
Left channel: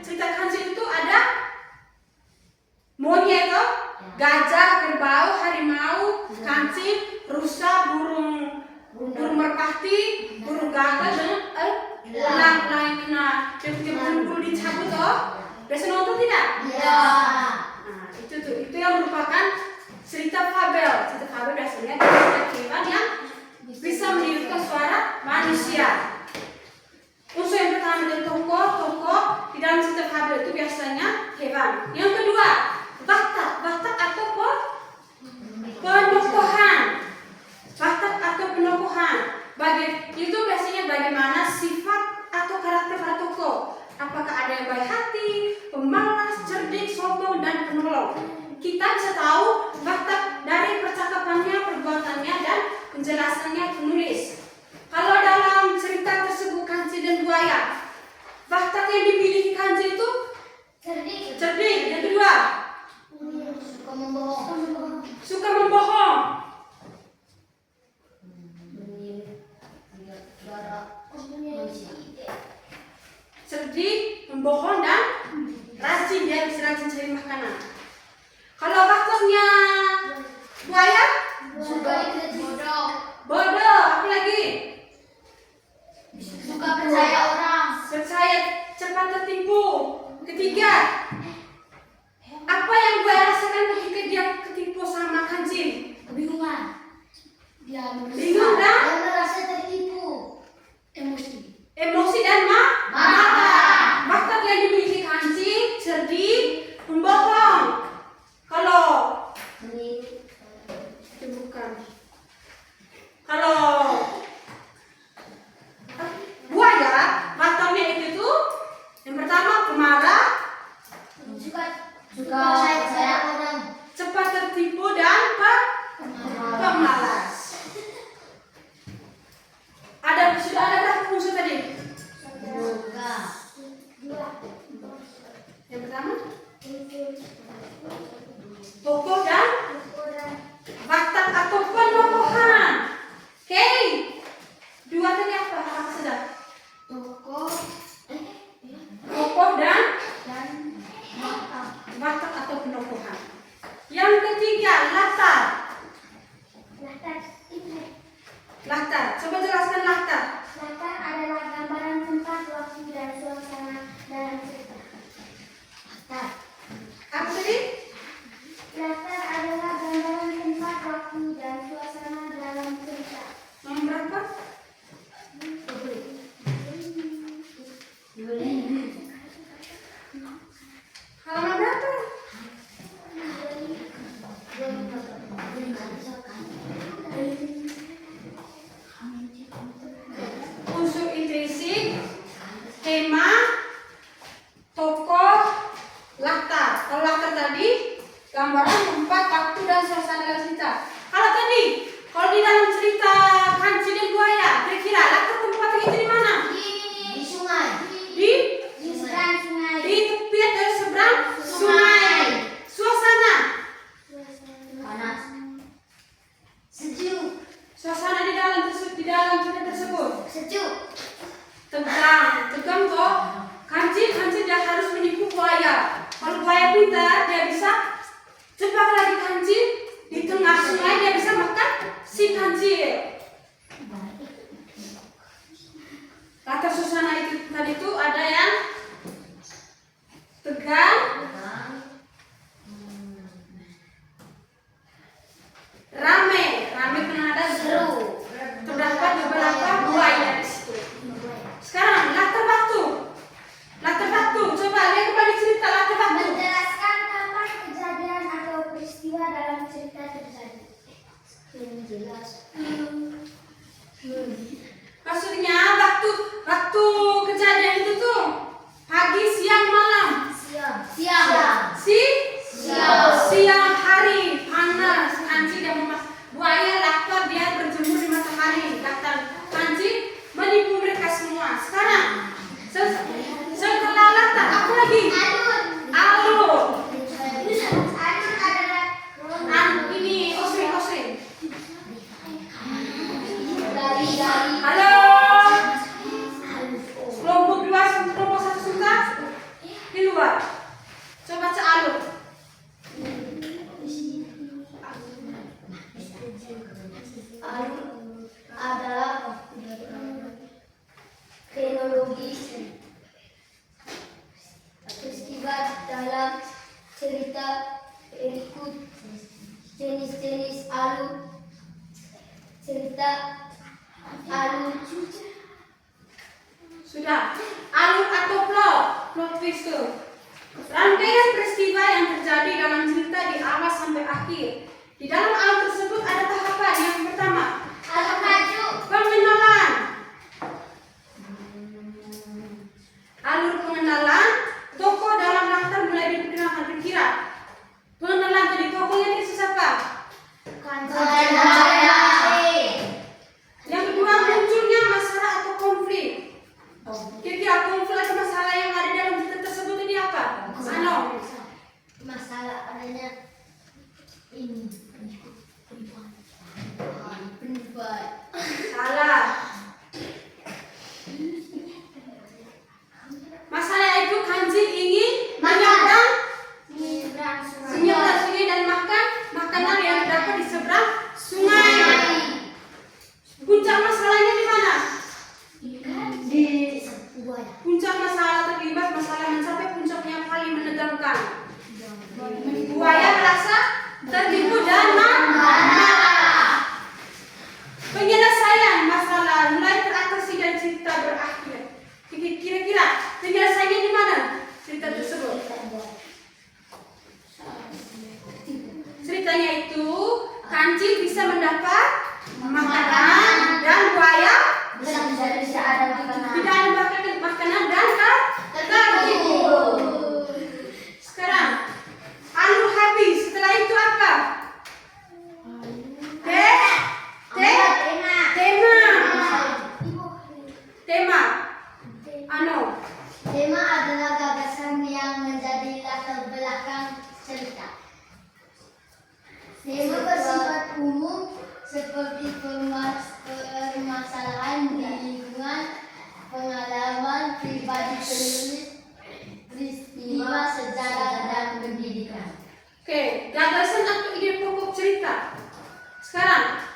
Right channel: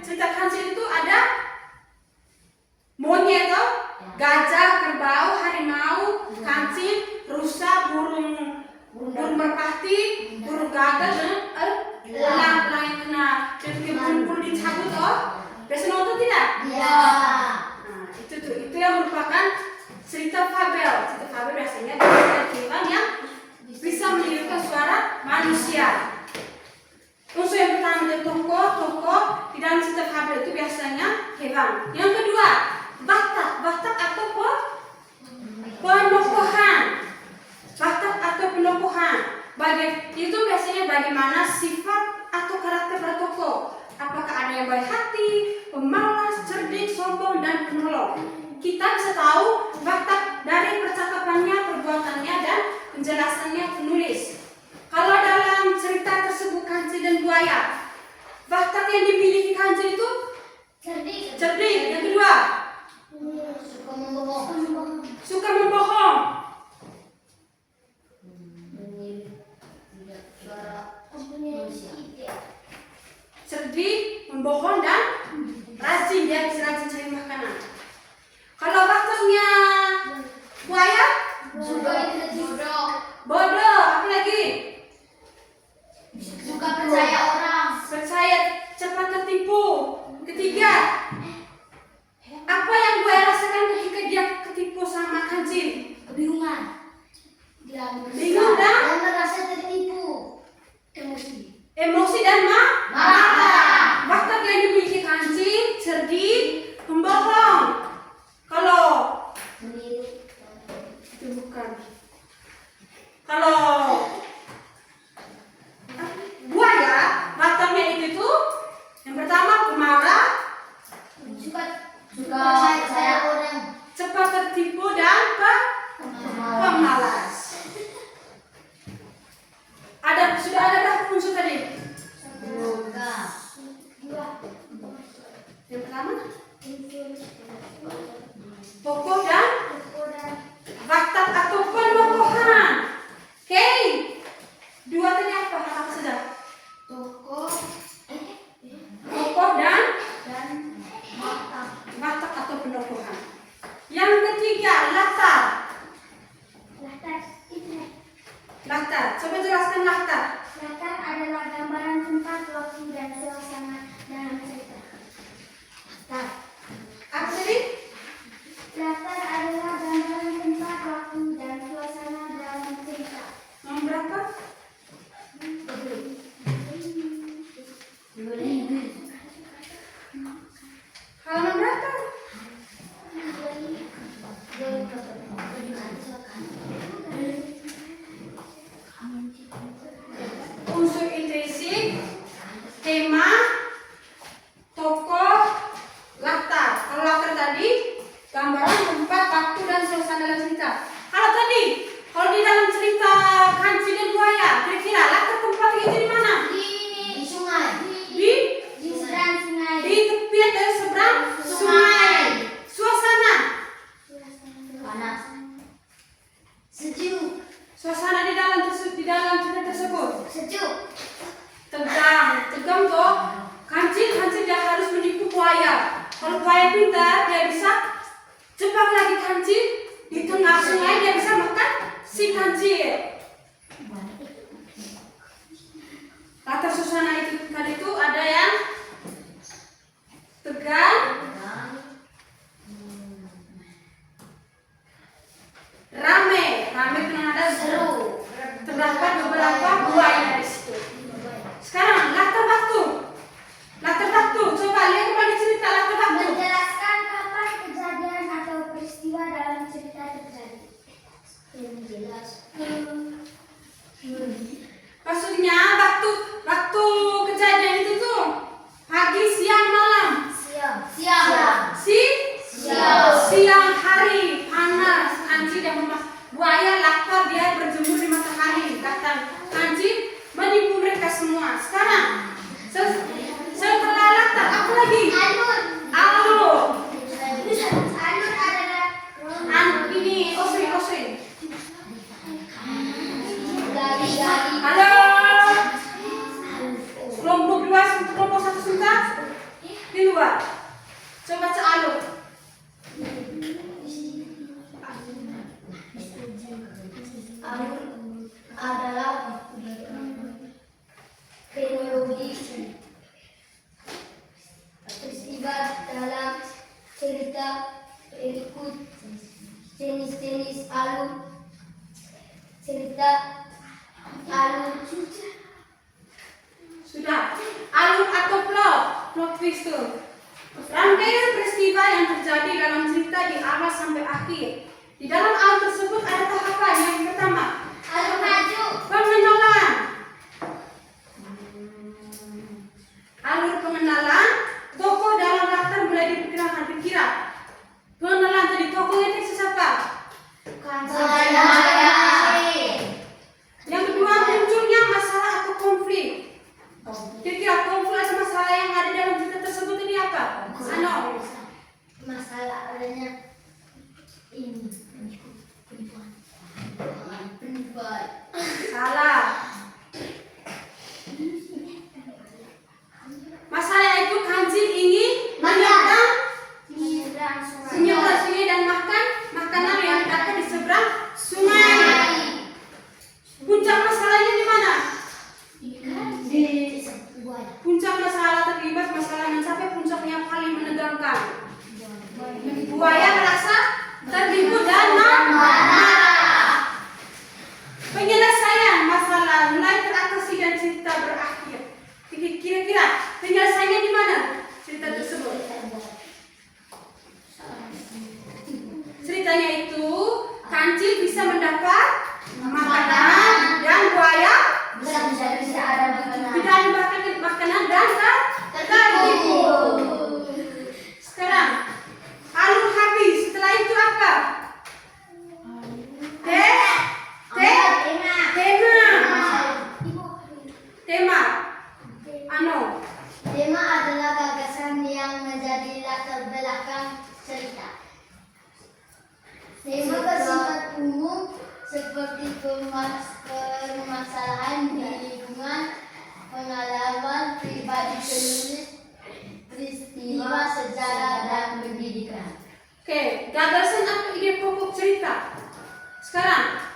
cerita kancil itu ada monyet, gajah, kerbau, harimau, kancil, rusa, burung merpati, burung gagak, dan elang yang kena bulu dicabut. Biasa nonton tidak? Iya. Nah, itu yang merupakan cerita fabel. Cerita fabel biasanya hewan yang bisa menirukan suara manusia. Unsur yang pertama adalah tokoh. Di dalam cerita fabel itu biasanya hewan. Yang kedua, watak atau penokohan. Watak atau penokohan. Itu biasanya bagaimana sifat atau karakter para tokoh. Apakah ada yang baik hati, pemalas, cerdik, sombong, dan penolong. Kita bisa tahu watak dari percakapannya, perbuatannya, dan penjelasannya penulis. Kalau dalam cerita tersebut kancil dan buaya, watak yang dimiliki kancil itu cerdik. Yang kedua, suka membohong. Cerdik, membohong, dan rajin. Dia bisa rajin cari makanan. Kalau waktunya buaya, bodoh. Apa lagi? Suka percaya orang. Percaya, cepat tertipu. Ketiga, apa yang buaya rasakan ketika dia ketipu sama kancil? Kebingungan. Bingung dan merasa tertipu. emosi dan marah. Watak yang dimiliki kancil, cerdik, membohong. Kalau itu bukan. Kalau buaya, wataknya itu tuh yang pertama pemarah, Suka percaya orang. cepat tertipu, dan pemalas. Latar. Coba jelaskan latar. Latar adalah gambaran tempat, waktu, dan suasana dalam cerita. Latar. Apa tadi? Latar adalah gambaran tempat, waktu, dan suasana dalam cerita. Nomor berapa? Halaman berapa? Unsur intrinsik, tema, tokoh, latar. Kalau latar tadi, gambaran tempat, waktu, dan suasana dalam cerita. Kalau tadi, kalau di dalam cerita Kancil dan Buaya, kira-kira latar tempatnya itu di mana? Di sungai. Di Seberang sungai. di tepi atau seberang sungai. Suasana. Panas. Sejuk. Suasana di dalam cerita tersebut. Sejuk. Tegang toh. Kancil dia harus menipu buaya. Kalau buaya pintar, dia bisa jebak lagi kancil di tengah sungai, dia bisa makan si kancil. Latar suasana itu tadi itu ada yang tegang, rame karena ada Seru. terdapat beberapa buaya di situ. Sekarang latar waktu, coba lihat kembali cerita latar waktu. Menjelaskan kapan kejadian atau peristiwa dalam cerita terjadi. Yang jelas. Maksudnya waktu kejadian itu tuh pagi, siang, malam. Siang. Siang hari panas, kancil dan buaya lapar, dia berjemur di matahari. Kata kancil menipu mereka semua. Sekarang setelah latar apa lagi? Alur. Alur adalah Ini osring. dari Halo. Kelompok 2, kelompok 1 sebentar. Di luar. Coba baca alur. alur adalah kronologi peristiwa dalam cerita berikut. Jenis-jenis alur cerita. Alur Sudah. Alur atau plot twist tuh. Rangkaian peristiwa yang terjadi dalam cerita di awal sampai akhir. Di dalam alur tersebut ada tahapan. Yang pertama, alur maju. pengenalan. Alur pengenalan, tokoh dalam latar mulai diperkenalkan. Kira-kira pengenalan tadi tokohnya dari siapa? Yang kedua, munculnya masalah atau konflik. Kira-kira konflik atau masalah yang ada dalam cerita tersebut ini apa? Ano? Masalah adanya ini penipuan. Salah. Masalah itu kancil ingin menyeberang sungai dan makan makanan yang dapat di seberang sungai. Puncak masalahnya di mana? Puncak masalah terlibat masalah yang sampai puncaknya paling menegangkan. Buaya merasa tertipu dan marah. Penyelesaian masalah mulai teratasi dan cerita berakhir. Kira-kira penyelesaiannya di mana cerita tersebut? Ceritanya itu kancil bisa mendapat makanan dan buaya Bisa ada tidak ada makanan dan tertipu. Sekarang alur habis. Setelah itu apa? Tema. Ano? Tema adalah gagasan yang menjadi latar belakang cerita. Tema bersifat umum seperti permasalahan di lingkungan, pengalaman pribadi penulis, peristiwa sejarah dan pendidikan. Oke, gagasan atau ide pokok cerita. Sekarang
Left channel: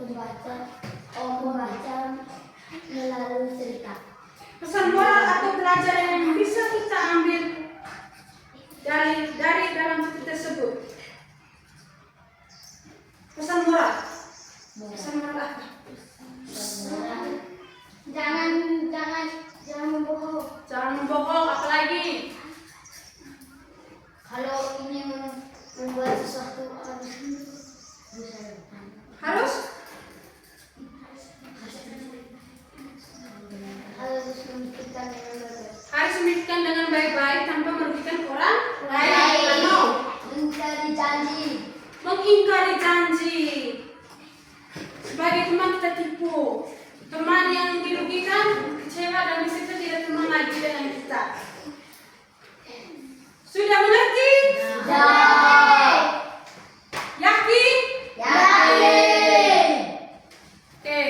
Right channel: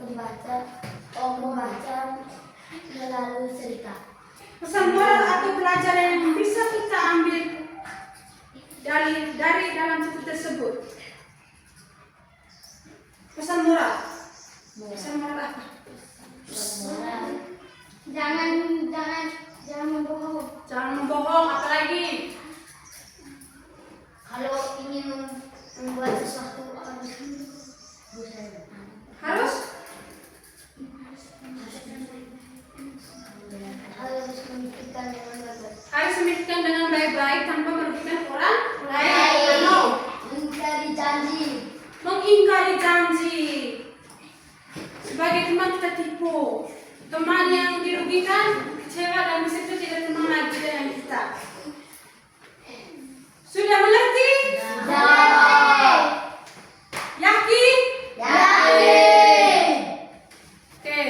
membaca melalui cerita. Pesan moral atau pelajaran yang bisa kita ambil dari dalam cerita tersebut. Pesan moral. Pesan moral apa? Jangan membohong. Jangan membohong, apalagi Kalau ingin membuat sesuatu harus memikirkan dengan baik-baik tanpa merugikan orang lain. Mengingkari janji. Sebagai teman kita tipu. Teman yang dirugikan, kecewa dan bisa tidak teman lagi dengan kita. Sudah mengerti? Yakin? Oke.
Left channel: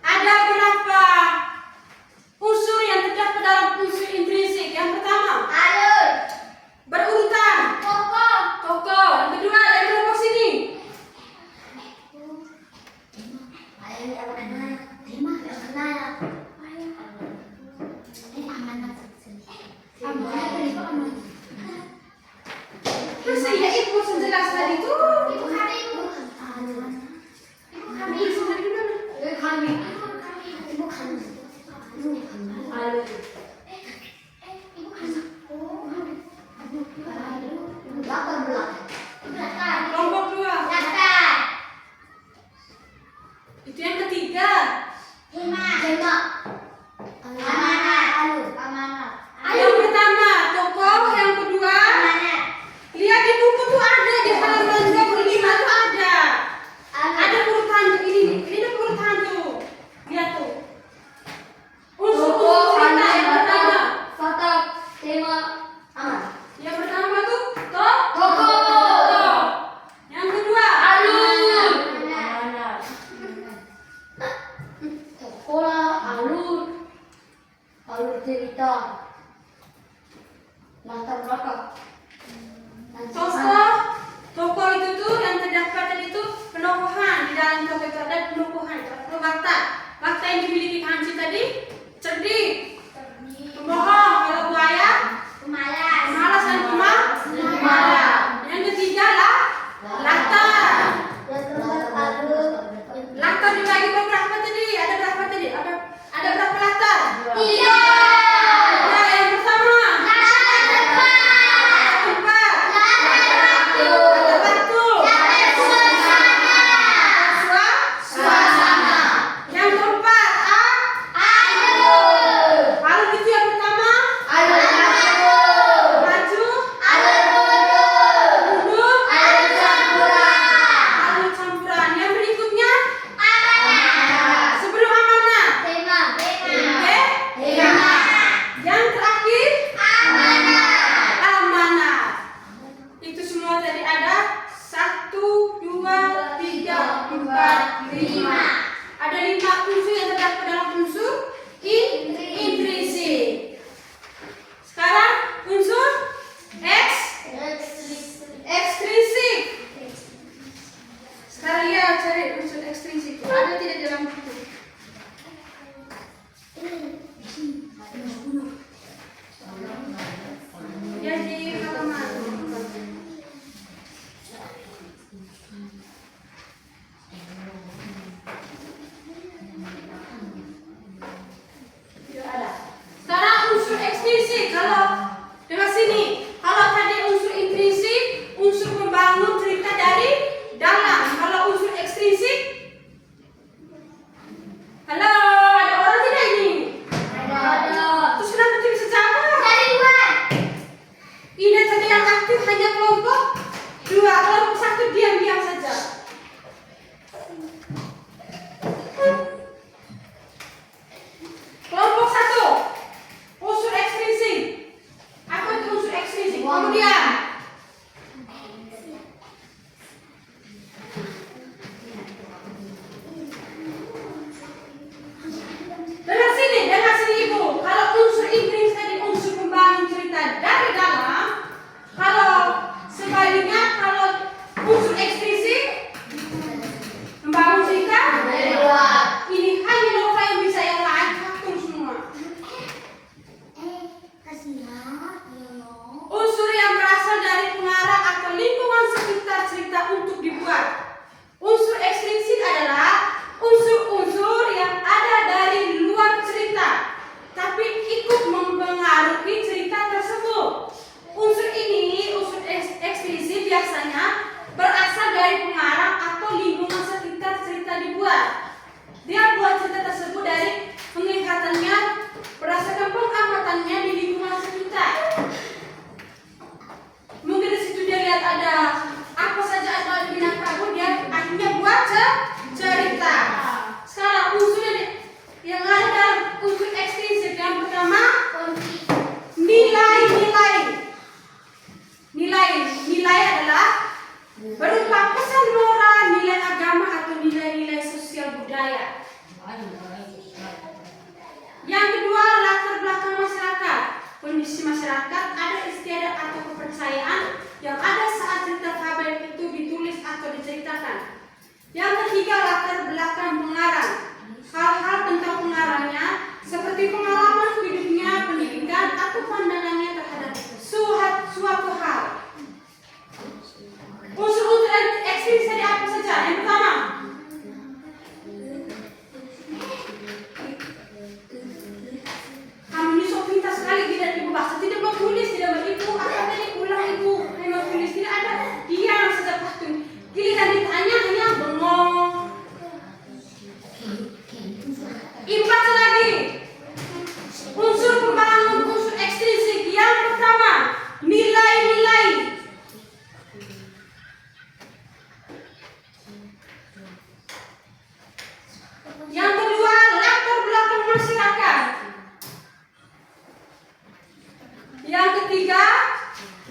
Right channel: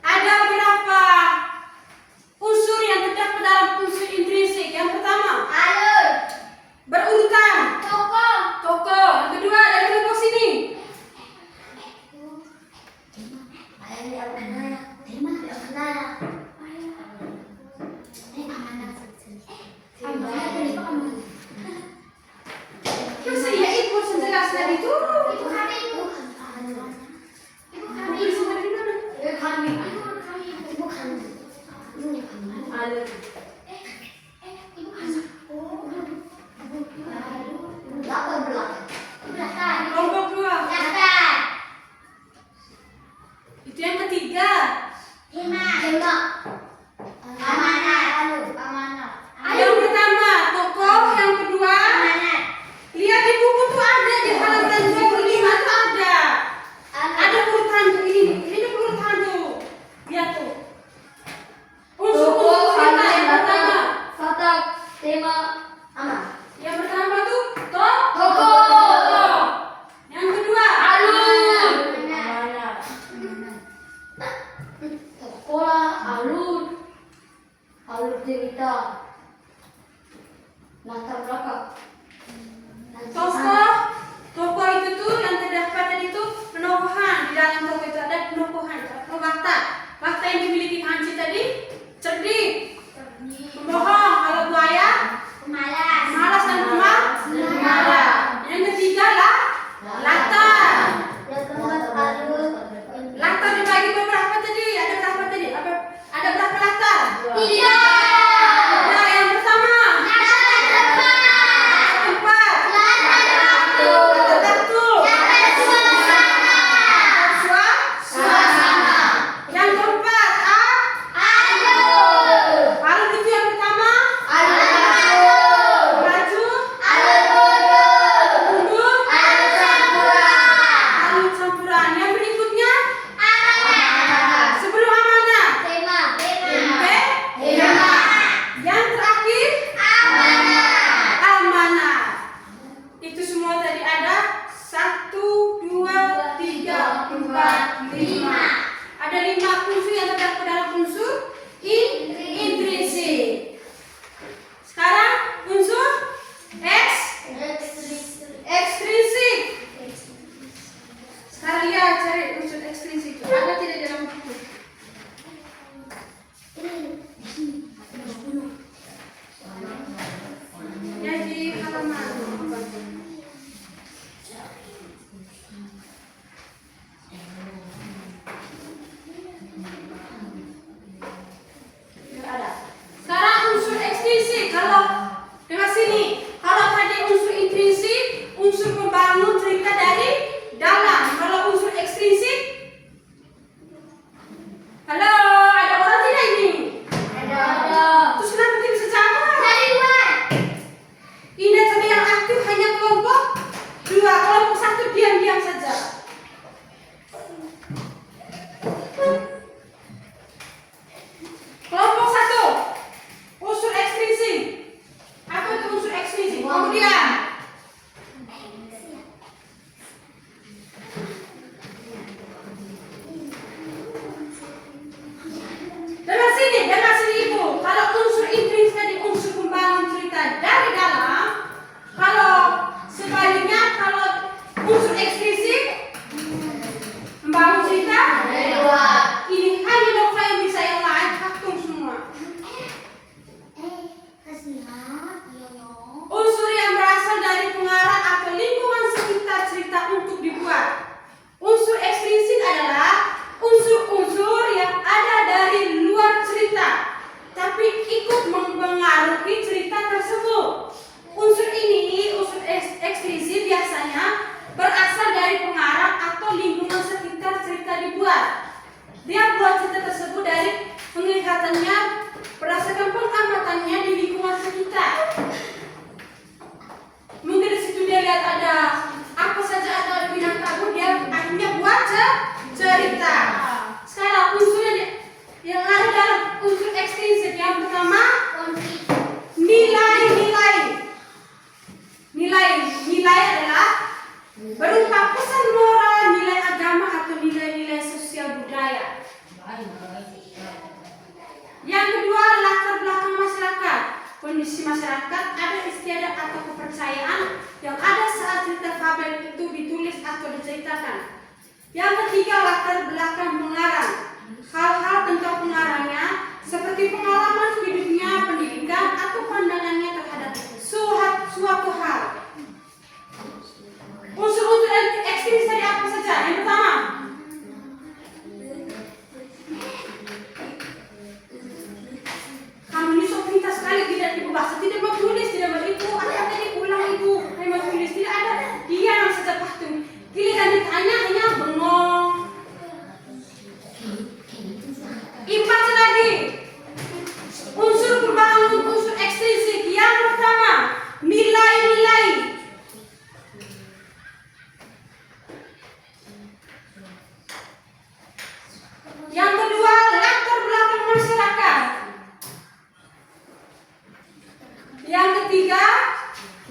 Ada berapa unsur yang terdapat dalam unsur intrinsik? Yang pertama, berurutan. Tokoh. Yang kedua, dari kelompok sini. Masa iya ibu jelas tadi itu? Ibu kami sendiri di mana? Kelompok dua. Itu yang ketiga. Yang pertama tokoh, yang kedua lihat di buku tuh ada di halaman 25 tuh ada urutan tuh ini urutan tuh lihat tuh unsur kita yang pertama yang pertama tuh tokoh, yang kedua alur cerita latar belakang. Tokoh itu tuh yang terdapat tadi itu penokohan. Di dalam tokoh itu ada penokohan, fakta yang dimiliki Hanci tadi cerdik, pembohong, kalau buaya pemalas dan pemalas. Yang ketiga lah latar. Latar dibagi beberapa tadi. Ada berapa tadi? Ada berapa latar? 3. Nah, yang pertama tempat. Suasana. Yang keempat alur itu yang pertama baju duduk alur campuran. Yang berikutnya sebelum amanah yang terakhir amanah. Itu semua tadi ada 1, 2, 3, 4, 5. Ada 5 unsur yang terdapat dalam unsur intrinsik. Sekarang unsur ekstrinsik. Sekarang lihat cari unsur ekstrinsik. Ada tidak dalam buku? Ya di halaman. penglihatannya, berdasarkan pengamatannya di lingkungan sekitar. Mungkin di situ dia lihat ada apa saja, ada binatang kabur, dia akhirnya buat cerita. Sekarang unsurnya yang ada dalam unsur ekstrinsik yang pertama nilai adalah berupa pesan moral, nilai agama atau nilai-nilai sosial budaya. Yang kedua, latar belakang masyarakat. Kondisi masyarakat, ada istiadat atau kepercayaan yang ada saat cerita fabel itu ditulis atau diceritakan. Yang ketiga, latar belakang pengarang. Hal-hal tentang pengarangnya seperti pengalaman hidupnya, pendidikan atau pandangannya terhadap suatu hal. Unsur-unsur ekstrinsik tadi apa saja? Yang pertama, kamu ini sok pintar sekali, tidak ibu bahasa, tidak mau tulis, tidak mau ibu, apa tadi ulang ibu, tidak mau tulis, tidak ada, diam saja patung. Giliran ditanya hanya bengong. Empat lagi, unsur perbangun, unsur ekstrinsik. Yang pertama, nilai-nilai. Yang kedua, latar belakang masyarakat. Yang ketiga,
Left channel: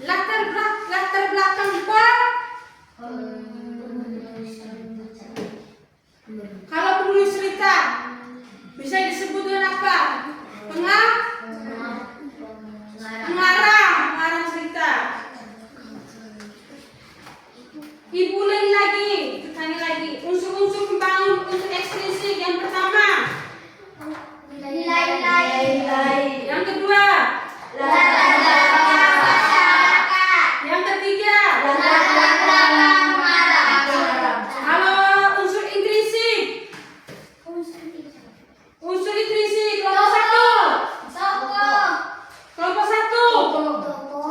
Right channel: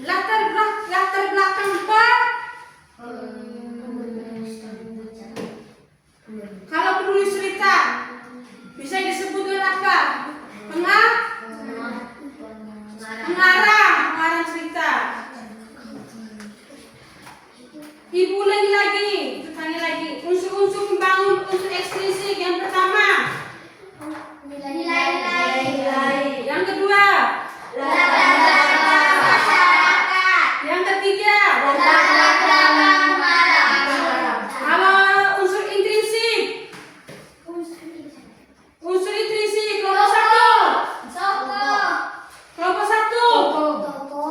latar belakang kalau penulis cerita bisa disebut dengan apa? Pengarang cerita. Ibu lagi, tanya lagi. Unsur-unsur pembangun, unsur ekstrinsik. Yang pertama, nilai. Yang kedua, latar belakang masyarakat. Yang ketiga, latar belakang pengarang. Kalau unsur intrinsik, kelompok satu. Kelompok satu.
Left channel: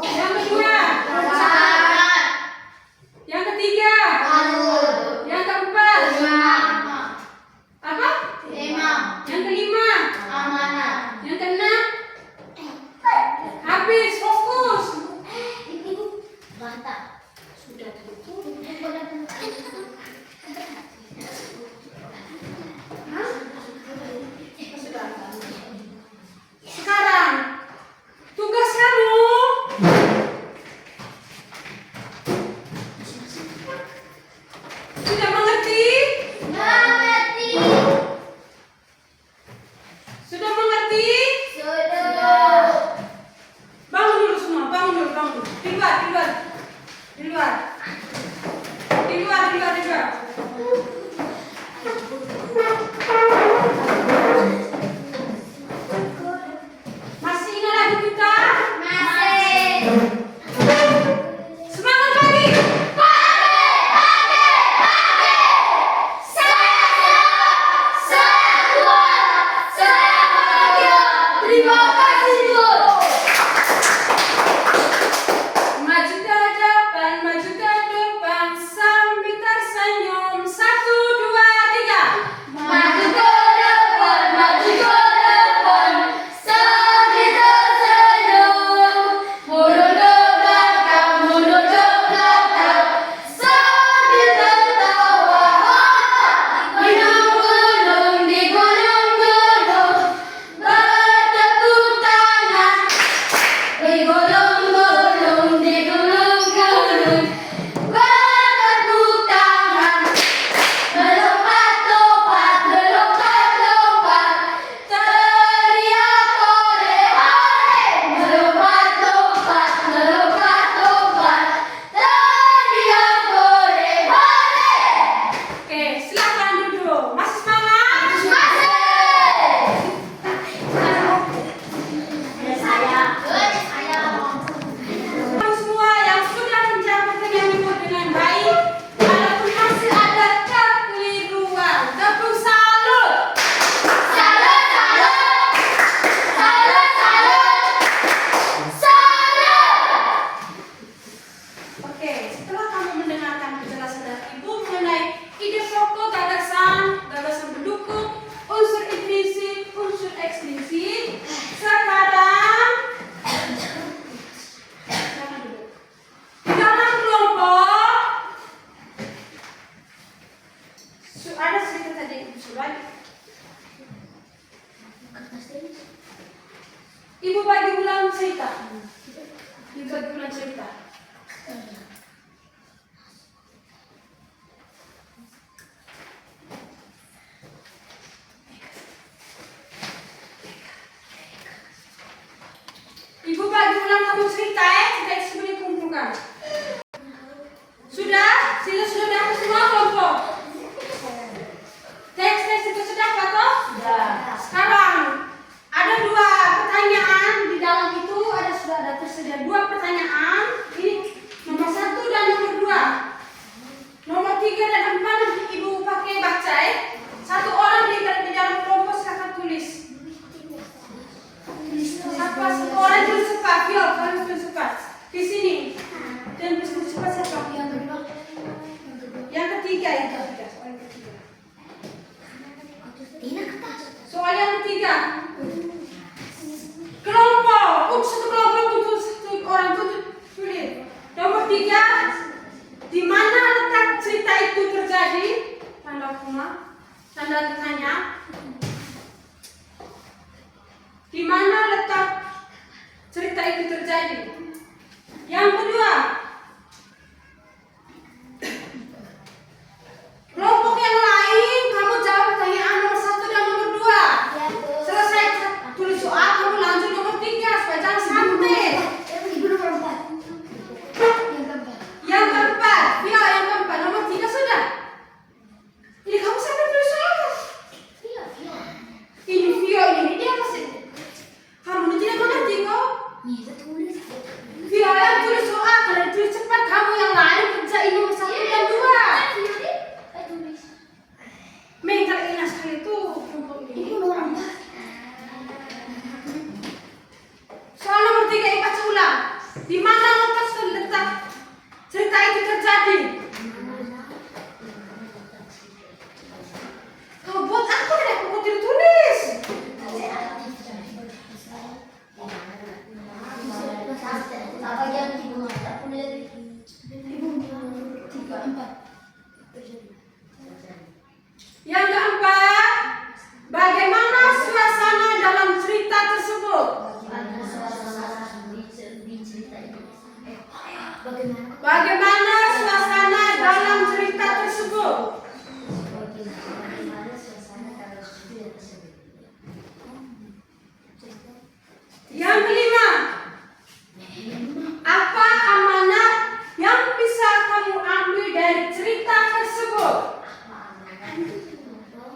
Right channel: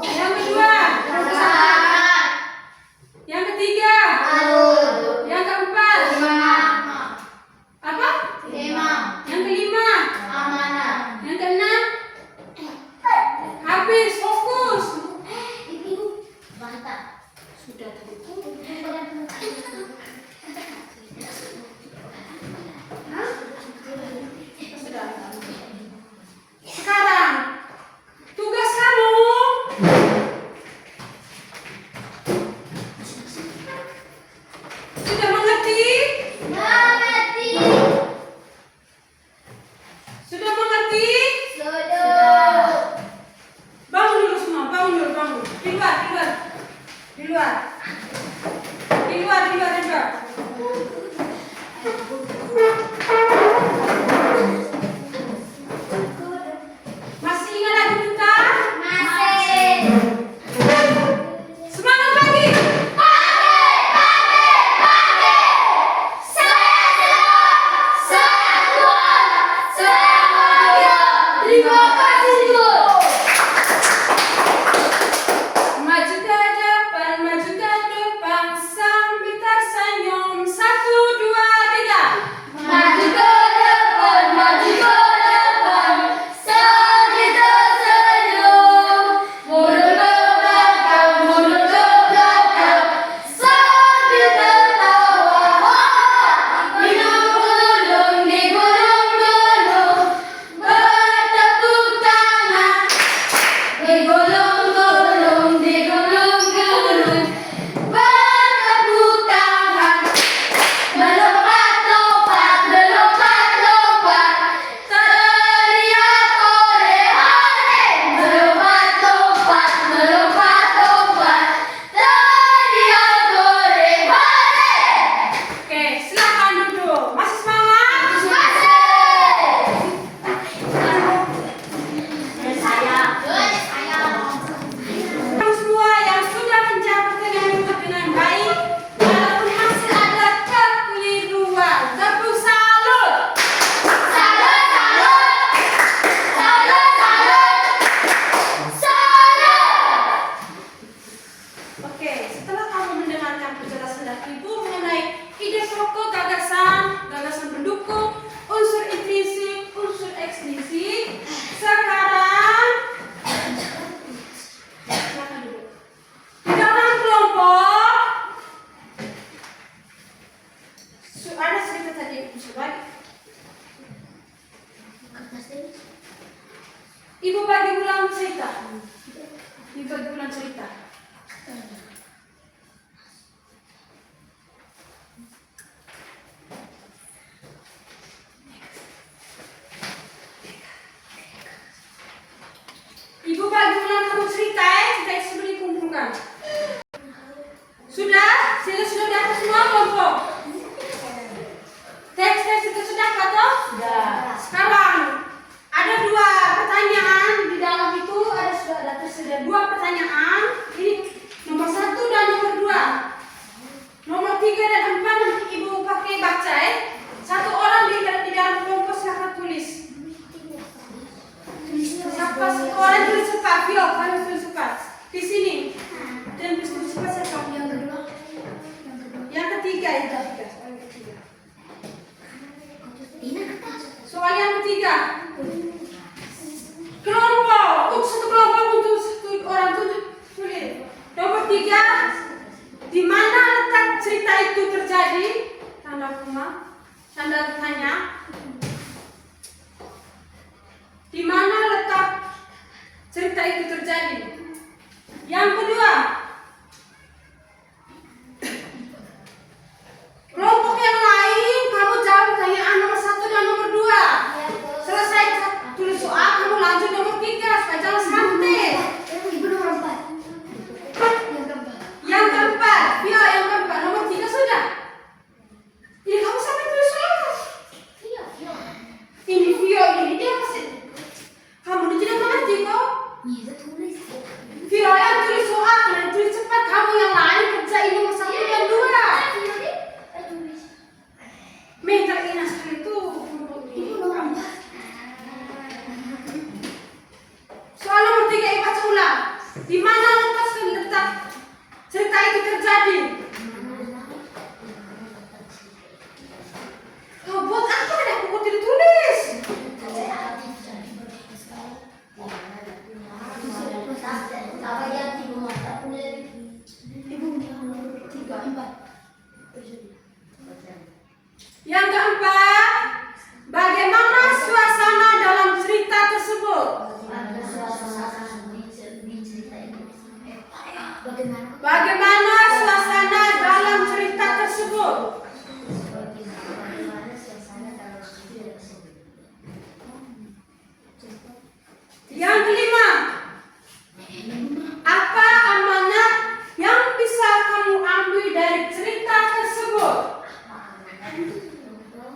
Yang kedua, yang ketiga, yang keempat, apa? Yang kelima, yang keenam, habis, fokus. Sudah tadi. Sekarang tugas kamu sudah mengerti? Sudah mengerti? Bangun dulu semua, bangun. Di luar. Masih ingat lagu kita? Semangat pagi. Terima kasih Tuhan. Maju ke depan, sambil tersenyum. 1, 2, 3. Ibu bagi ulang cerita. Ibu bagi ulang cerita. Ibu bagi ulang kamu cerita cerita itu sudah dikumpulkan. Sudah dapat semua kelompok. Teks itu sudah toh? Sudah. Sekarang ada 2 pertanyaan di dalam itu sudah ada tersedia 2 pertanyaan. Ini nomor 1 dan nomor 2. Nomor 3 dan 4 nanti ibu pakai baca ya. 1 orang di dalam kelompok silakan tulis. Siapa 1 orang tulis cepat? Yo, harus tulis cepat. Di sini. Dan tulis cepat siapa? Yang ketiga itu. Soal yang ketiga. Kelompok. Satu kelompok untuk 1 orang tulis. Nomor 3. Di mana letak cerita itu terjadi? Tanda koma. Tanda tanya. Di mana letak cerita itu terjadi? Yang kedua. Kelompok yang lain, kamu jawab pertanyaan nomor 1 dan nomor 2. Selesai tulis soal, kamu lanjut nomor 3 supaya jangan sampai. Ibu nomor 4. Yang keempat, yang keempat, nomor 3 sudah. Ini kamu sampai tulis soal. Ini Vio, ini dia masih. Kamu ini tidak mengerti kok. Vio yang tulis soal, kalian tulis cepat. Kamu yang lain kerjain nomor 1 dan 2. Mental ini sekali itu. Ibu nomor 4. Soal nomor 3 yang baca ulang. Di mana letak cerita itu terjadi? Kau buat apa deh? Kau tidak tulis. Yang keempat, bagaimana suasana dalam cerita tersebut? Bagaimana suasana dalam cerita tersebut? Yang kelima, apa amanat yang bisa kamu ambil dari cerita tersebut?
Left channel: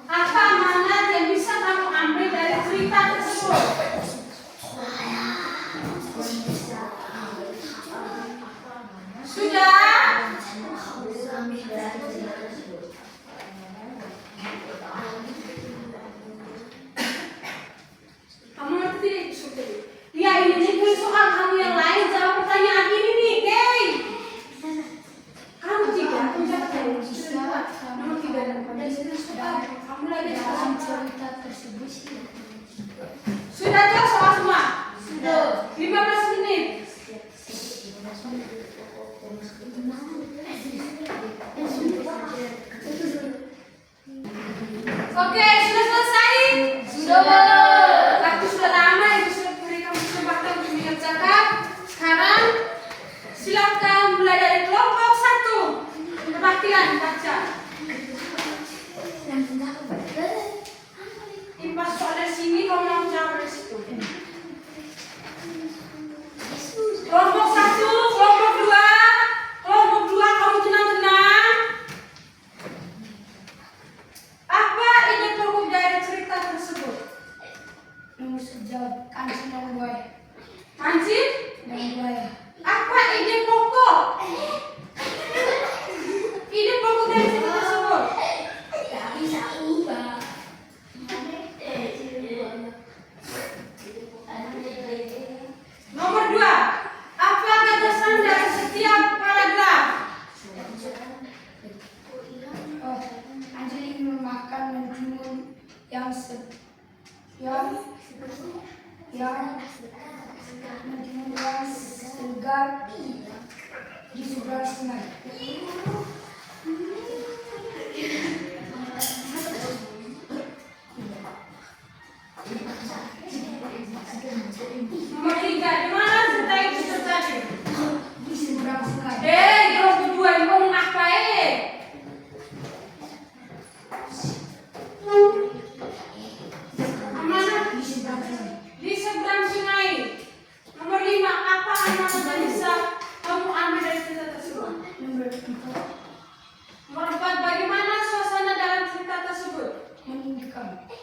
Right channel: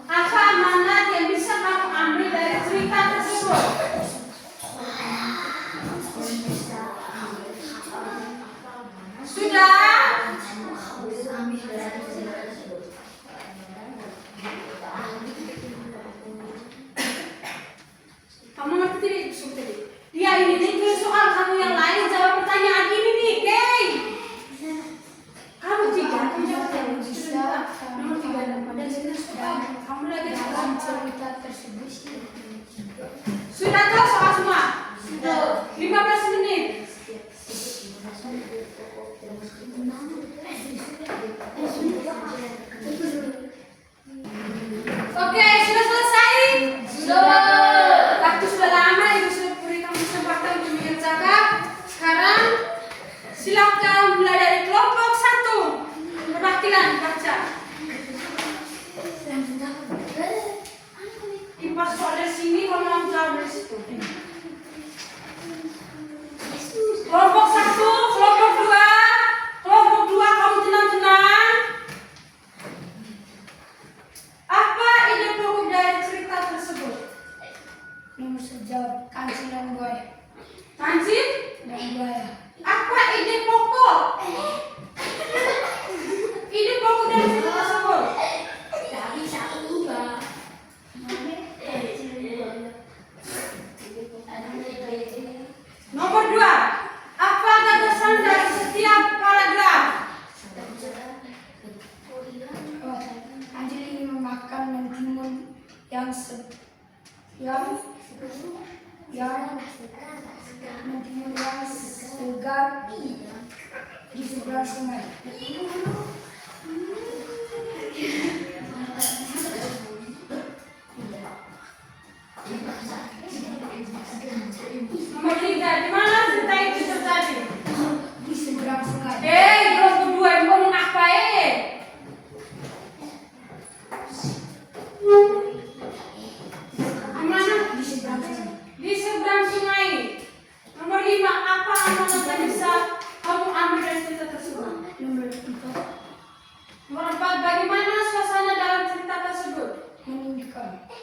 Apa amanat yang bisa kamu ambil dari cerita tersebut? Sudah? Kamu ngerti tidak sudah? Ya ini soal kamu yang lain jawab pertanyaan ini nih, Kay. Kamu 3, kamu jawab nomor 3 dan sini sudah. Kamu lagi dalam cerita tersebut. Sudah tahu soal semua? Sudah. 15 menit. Oke, sudah selesai? Sudah. Waktu sudah lama, Ibu sudah berikan kesempatan untuk mengerjakan. Sekarang silakan mulai dari kelompok 1. Perhatikan baca. Impas soal dari sini, kamu mau jawab dari situ. Kelompok 1, kelompok 2, kamu tenang-tenang. Apa ide pokok dari cerita tersebut? Nomor sejawab kancing dan buaya. Kancing Dan buaya. apa ide pokok? Ide pokok dari cerita tersebut? Tak bisa ubah. Nomor 2, apa gagasan dari setiap paragraf? Oh, Anjali memakan mentimun yang mentimun yang segar di seberang sungai.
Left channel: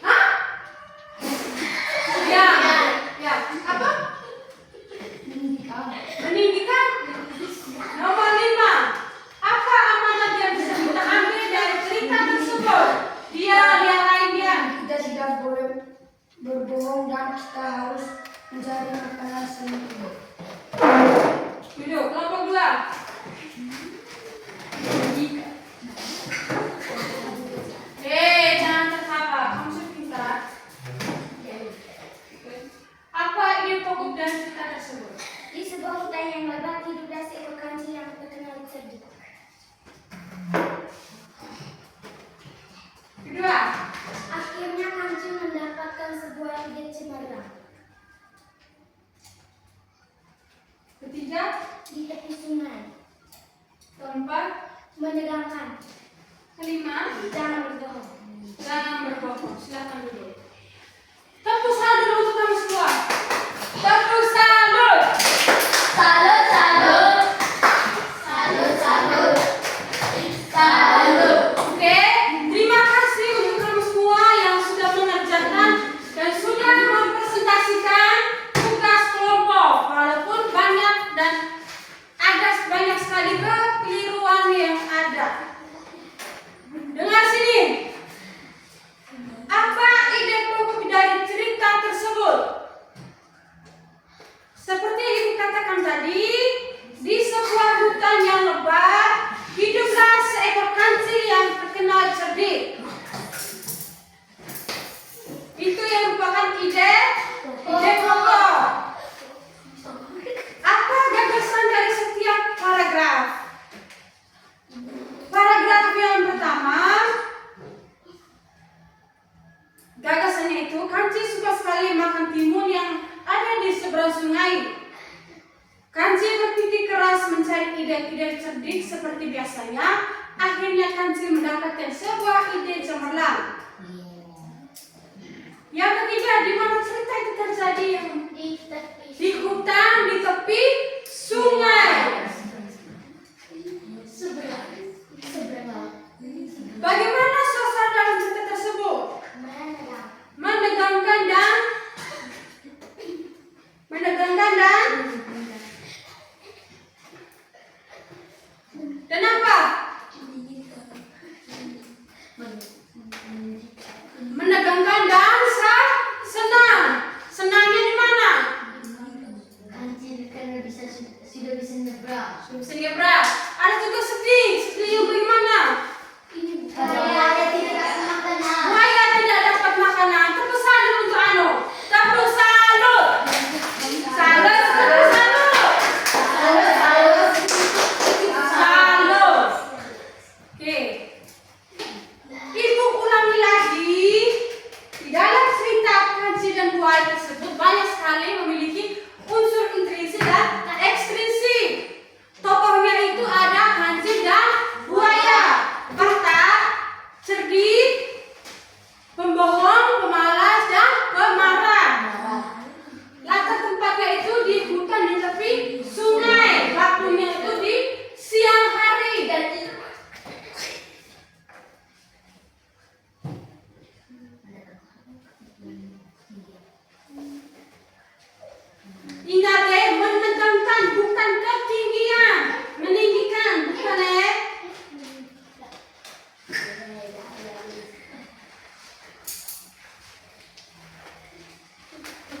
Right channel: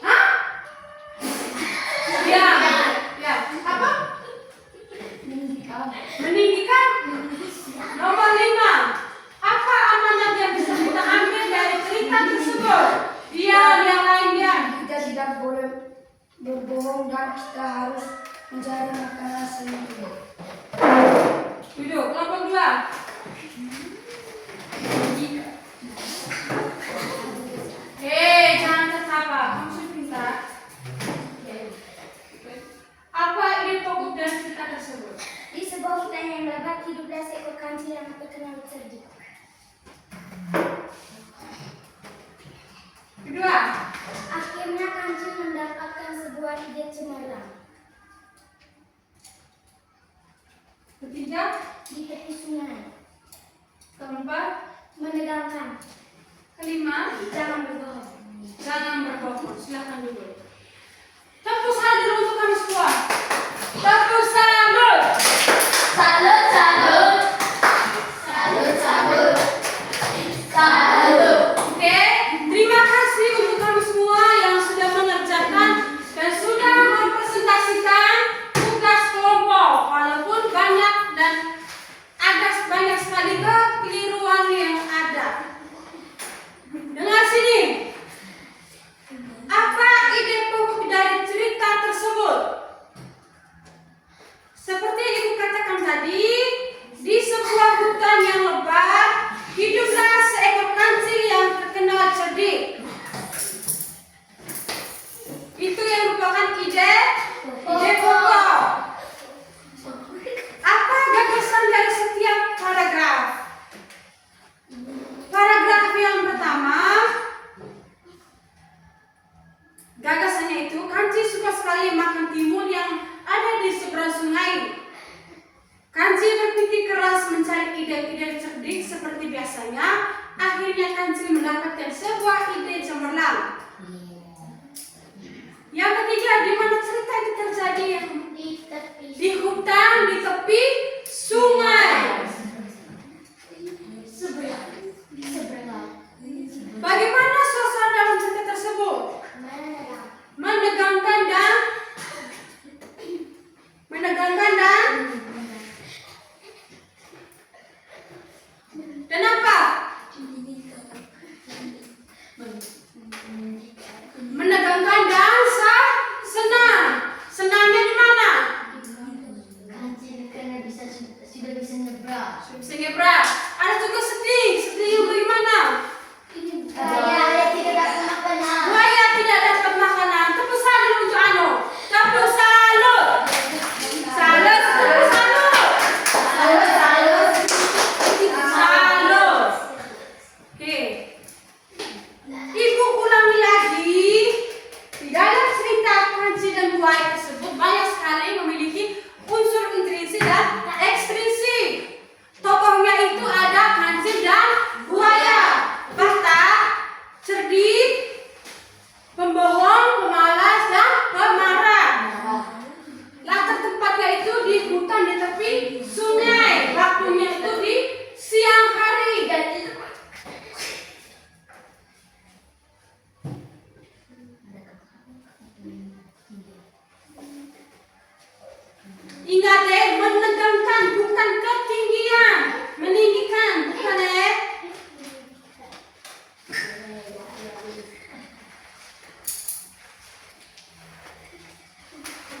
Hah? Ya. Ya. Apa? Meninggikan. Nomor 5. Apa amanat yang bisa kita ambil dari cerita tersebut? Dia yang lainnya. Kita tidak boleh berbohong dan kita harus mencari makanan sendiri. Duduk. Kelompok 2. Jangan tertawa. Kamu sudah pintar. Apa ide pokok dari cerita tersebut? Di sebuah hutan yang lebat hiduplah seekor kancil yang terkenal cerdik. Kedua. Akhirnya kancil mendapatkan sebuah ide cemerlang. Ketiga. Di tepi sungai. Keempat. Menegangkan. Kelima. Jangan berbohong. Jangan berbohong. Silakan duduk. Tepuk tangan dulu untuk kami semua. Tepuk salut. Salut, salut. Salut, salut. Salut. Oke, terima kasih untuk kami semua yang sudah mengerjakan dan sudah mempresentasikan tugas kelompok. Walaupun banyak dan ada banyak sekali kekeliruan yang ada. Dengar sini. Apa ide pokok dari cerita tersebut? Seperti yang ibu katakan tadi, di sebuah hutan yang lebat, hiduplah seekor kancil yang terkenal cerdik. Itu yang merupakan ide pokok. Apa gagasan dari setiap paragraf? Paragraf yang pertama, gagasannya itu kancil suka sekali makan timun yang ada di seberang sungai. Kancil berpikir keras mencari ide-ide cerdik seperti biasanya. Akhirnya kancil mendapatkan sebuah ide cemerlang. Yang ketiga, di mana cerita itu terjadi? Di hutan di tepi sungai. Bagaimana suasana dalam cerita tersebut? Menegangkan dan apa? Menegangkan dan senang. Senangnya di mana? Kancil karena sudah bisa nyebrang. Bisa nyebrang. Ada juga sedih. Sedih yang bagaimana? Buaya tidak dapat makanan. Buaya tidak dapat makanan. Tepuk salut untuk Anu. Tepuk salut. Salut. Tepuk salut. Salut. Oke. Ibu ulangi lagi. Di dalam cerita kancil dan buaya tersebut banyak sekali memiliki unsur intrinsik dan ekstrinsik. Tokohnya itu ada kancil dan buaya. Batak, cerdik, pembohong, pemalas, dan pemarah. Latar tempatnya itu di hutan di tepi sungai. Waktunya itu di siang hari. Ingat menegangkan bukan ketinggian, meninggikan bukan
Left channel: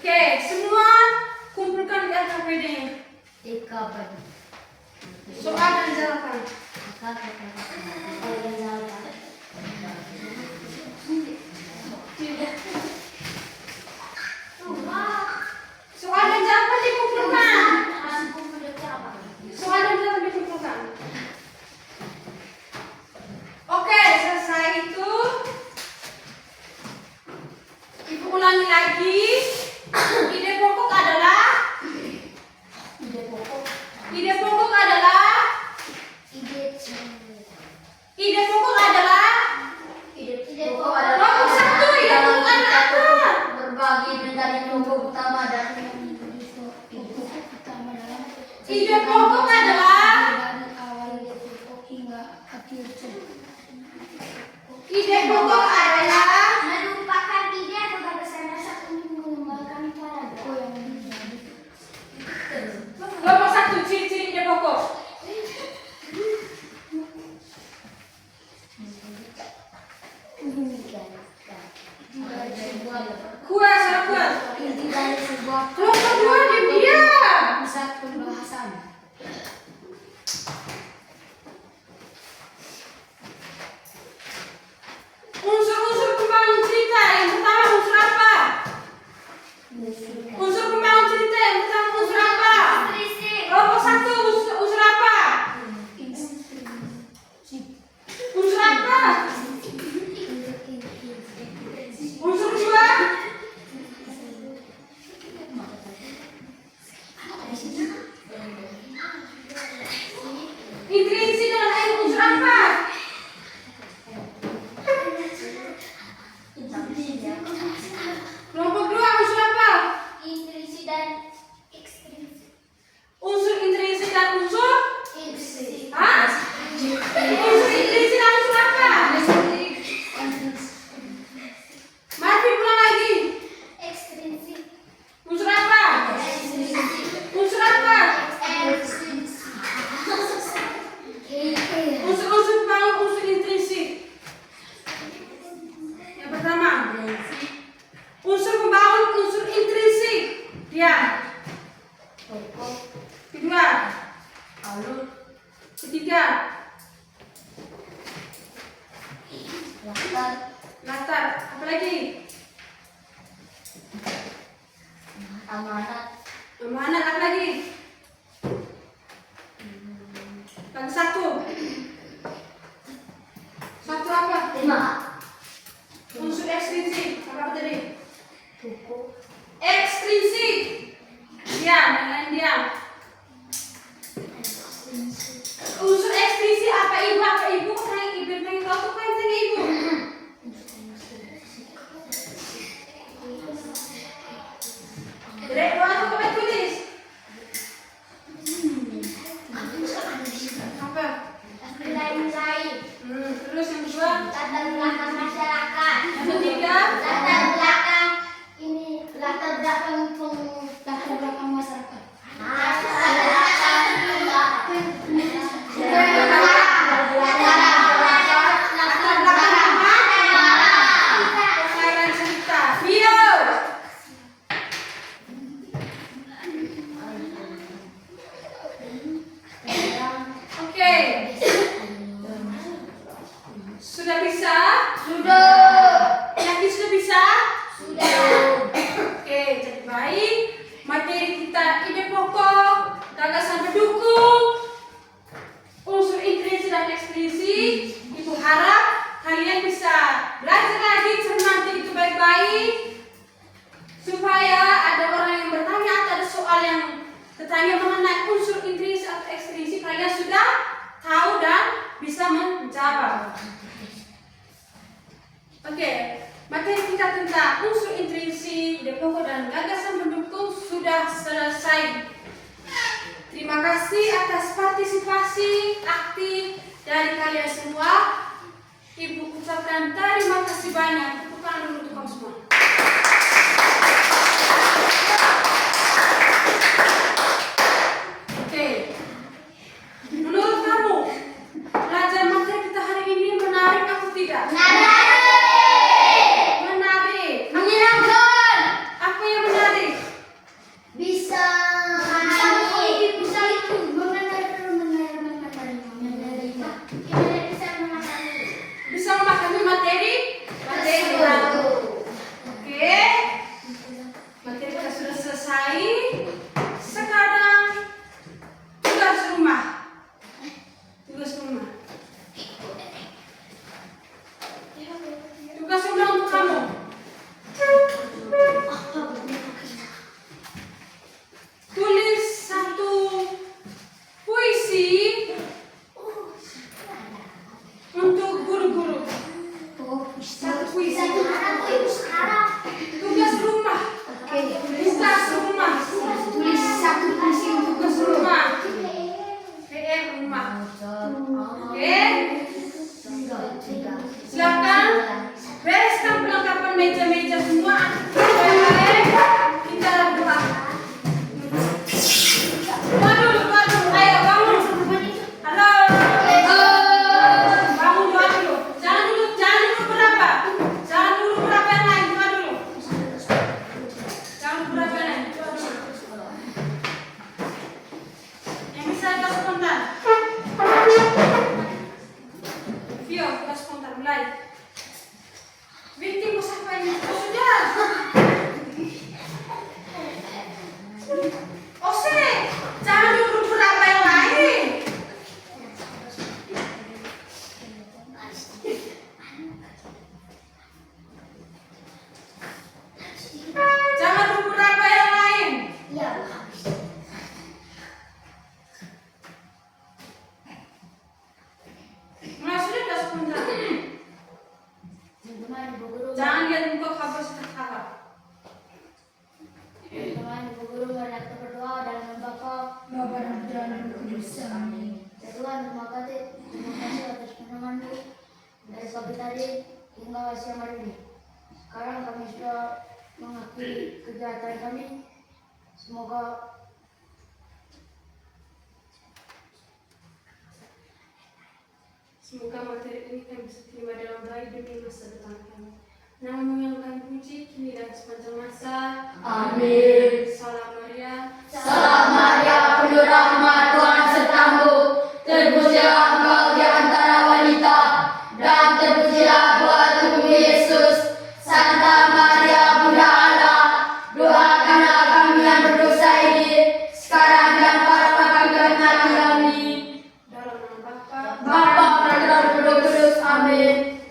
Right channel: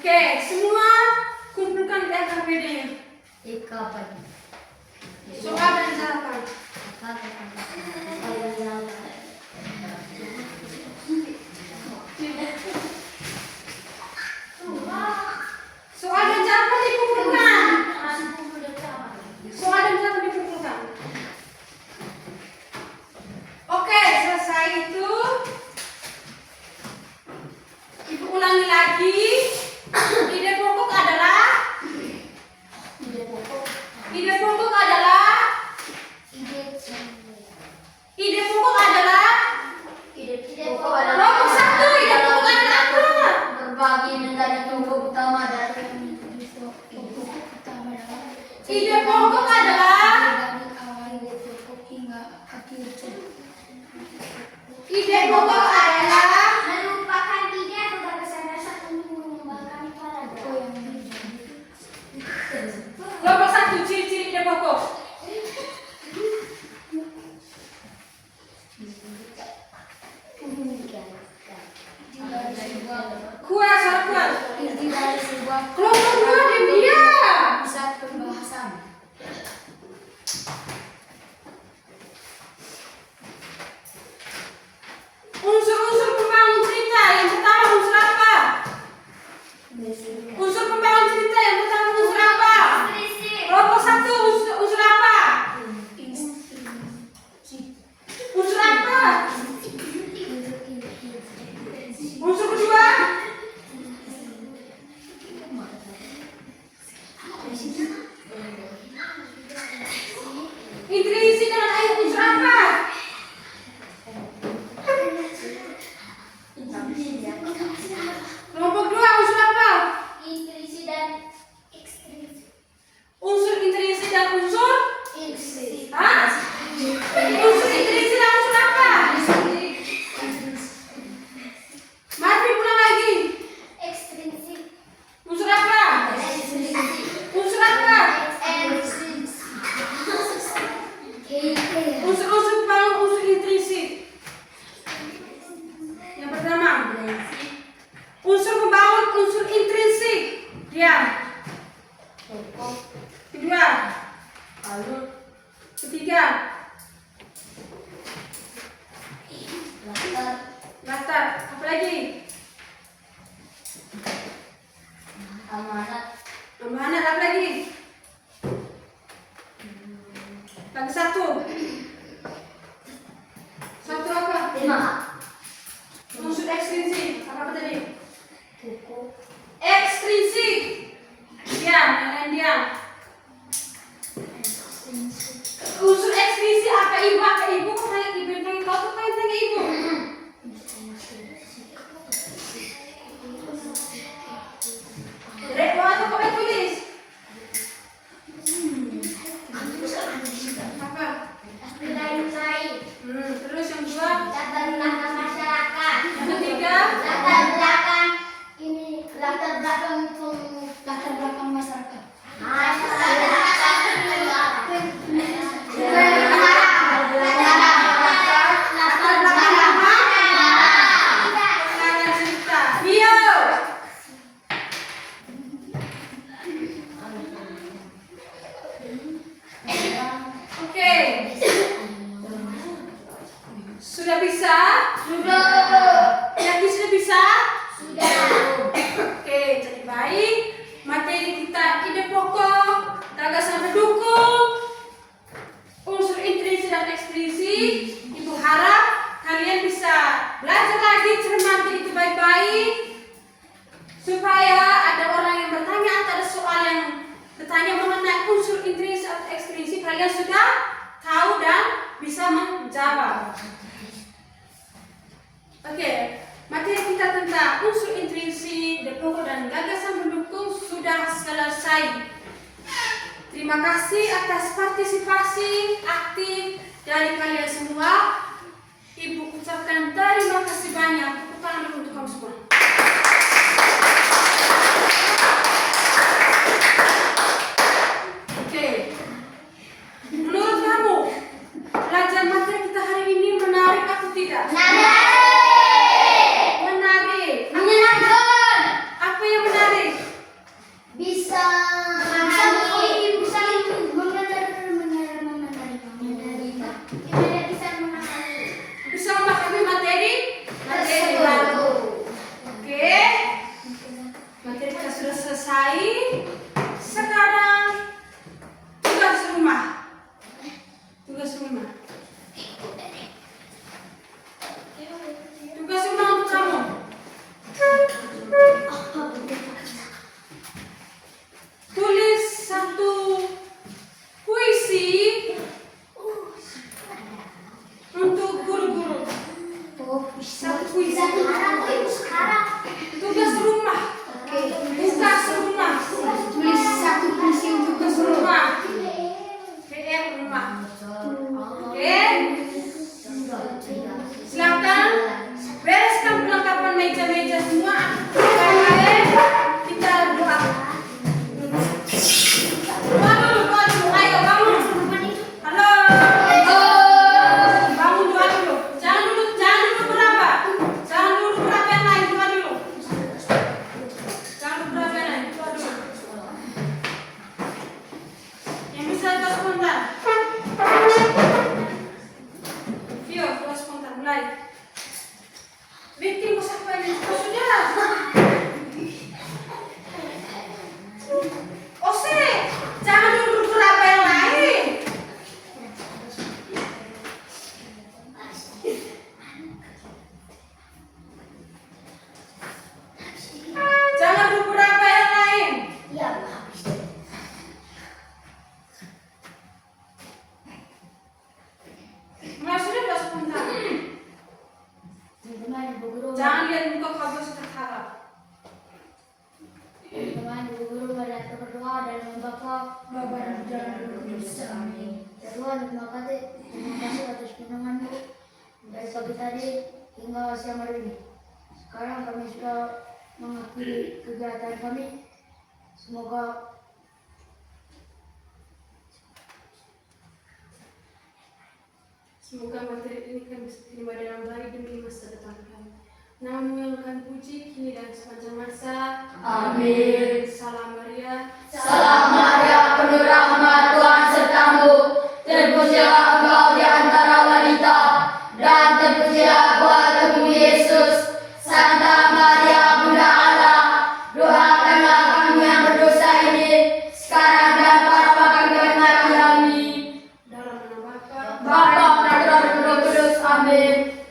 Oke, semua kumpulkan di LKPD. Soal dan jawaban. Soal dan jawaban dikumpulkan. Soal dan jawaban dikumpulkan. Oke, selesai itu. Ibu ulangi lagi. Ide pokok adalah nomor 1. Ide pokok adalah apa? Berbagi menjadi pokok utama dari Ide pokok adalah melupakan Kuat, sangat kuat. Inti dari sebuah Kelompok dua diam. pusat pembahasan. Unsur-unsur pembangun cerita yang pertama unsur apa? Unsur pembangun cerita yang pertama unsur apa? Kelompok satu unsur apa? Unsur apa? Unsur kedua? Intrinsik dengan air unsur apa? Kelompok dua unsur apa? Intrinsik dan ekstrinsik. Unsur intrinsik dan unsur? Intrinsik. Hah? Unsur intrinsik dan unsur apa? Marfi pulang lagi. Ekstrinsik. Unsur apa? Unsur apa? Unsur-unsur pembangun unsur intrinsik. Yang pertama, unsur pembangun unsur intrinsik. Diam. Kedua, ketiga, latar. Apa lagi? Amanat. Amanat. Apa lagi? Lagi satu. Satu apa? Unsur ekstrinsik. Apa tadi? Buku. Ekstrinsik. Diam, yang lain diam. Unsur ekstrinsik apa ibu? Apa ibu? Kau tanya ibu, yang tanya kau tuh pengen tanya ibu. Dek, mau aku kau tulis? Apa? Terus yang kedua? Latar belakang masyarakat. Yang ketiga? Latar belakang ini latar belakang masyarakat. Pengarang cerita. Bio. Oke. Sudah bisa? Yakin sudah bisa? Oke, jadi baik. Materi kita ide pokok, gagasan pendukung, unsur intrinsik dan ekstrinsik. Ibu harap kalian bisa belajar lagi, cermati itu baik-baik, supaya ada orang yang bertanya atau ada soal yang bertanya mengenai unsur intrinsik atau ekstrinsik, kalian sudah tahu dan bisa menjawab. Oke, materi kita tentang unsur intrinsik, ide pokok dan gagasan pendukung sudah selesai. Terima kasih atas partisipasi aktif dari kalian semua. Ibu ucapkan terima kasih banyak. Tepuk tangan dulu untuk kamu semua. Oke, menurut kamu pelajaran materi kita hari ini menarik atau tidak? Menarik. Apa yang menarik? Bisa Bisa memahami materi? Materi baru. Oke. Materi kita sudah selesai. Sekarang tugas rumah. Tugas rumah. Tugas rumah untuk kamu. Tulis satu puisi untuk guru-guru. Satu puisi. Tugas rumah. Tugas rumah. Tulis satu puisi untuk Tugas rumah. PR rumah. Oke. Silakan bereskan perlengkapan meja-meja semua. Baik-baik. Kita berdoa. Doa dulu. Ayo bangun. Halo. Bangun, doa dulu. Jangan dulu berapa. Jangan dulu berapa yang lain, doa dulu. dan engkau kabur tertawa. Teman Ibu Guru, mari kita berdoa dan membakau Bapa dan Putra dan Roh Kudus. Amin. Ya Tuhan, terima kasih atas firman-Mu dari pagi tadi hingga siang hari ini. Sekarang kami sudah mengakhiri kegiatan kami. Semoga materi ini kami bisa terima dalam baik demi masa depan kami. Namamu yang kami puji kini dan sepanjang masa. Amin. Salam Maria. Salam Maria, penuh rahmat, Tuhan sertamu. Terpujilah engkau di antara wanita, dan terpujilah buah tubuhmu Yesus. Santa Maria, Bunda Allah, doakanlah kami yang berdosa ini, sekarang dan pada waktu kematian kami. Dalam nama Bapa, Bapa, Putra dan Roh Kudus. Amin.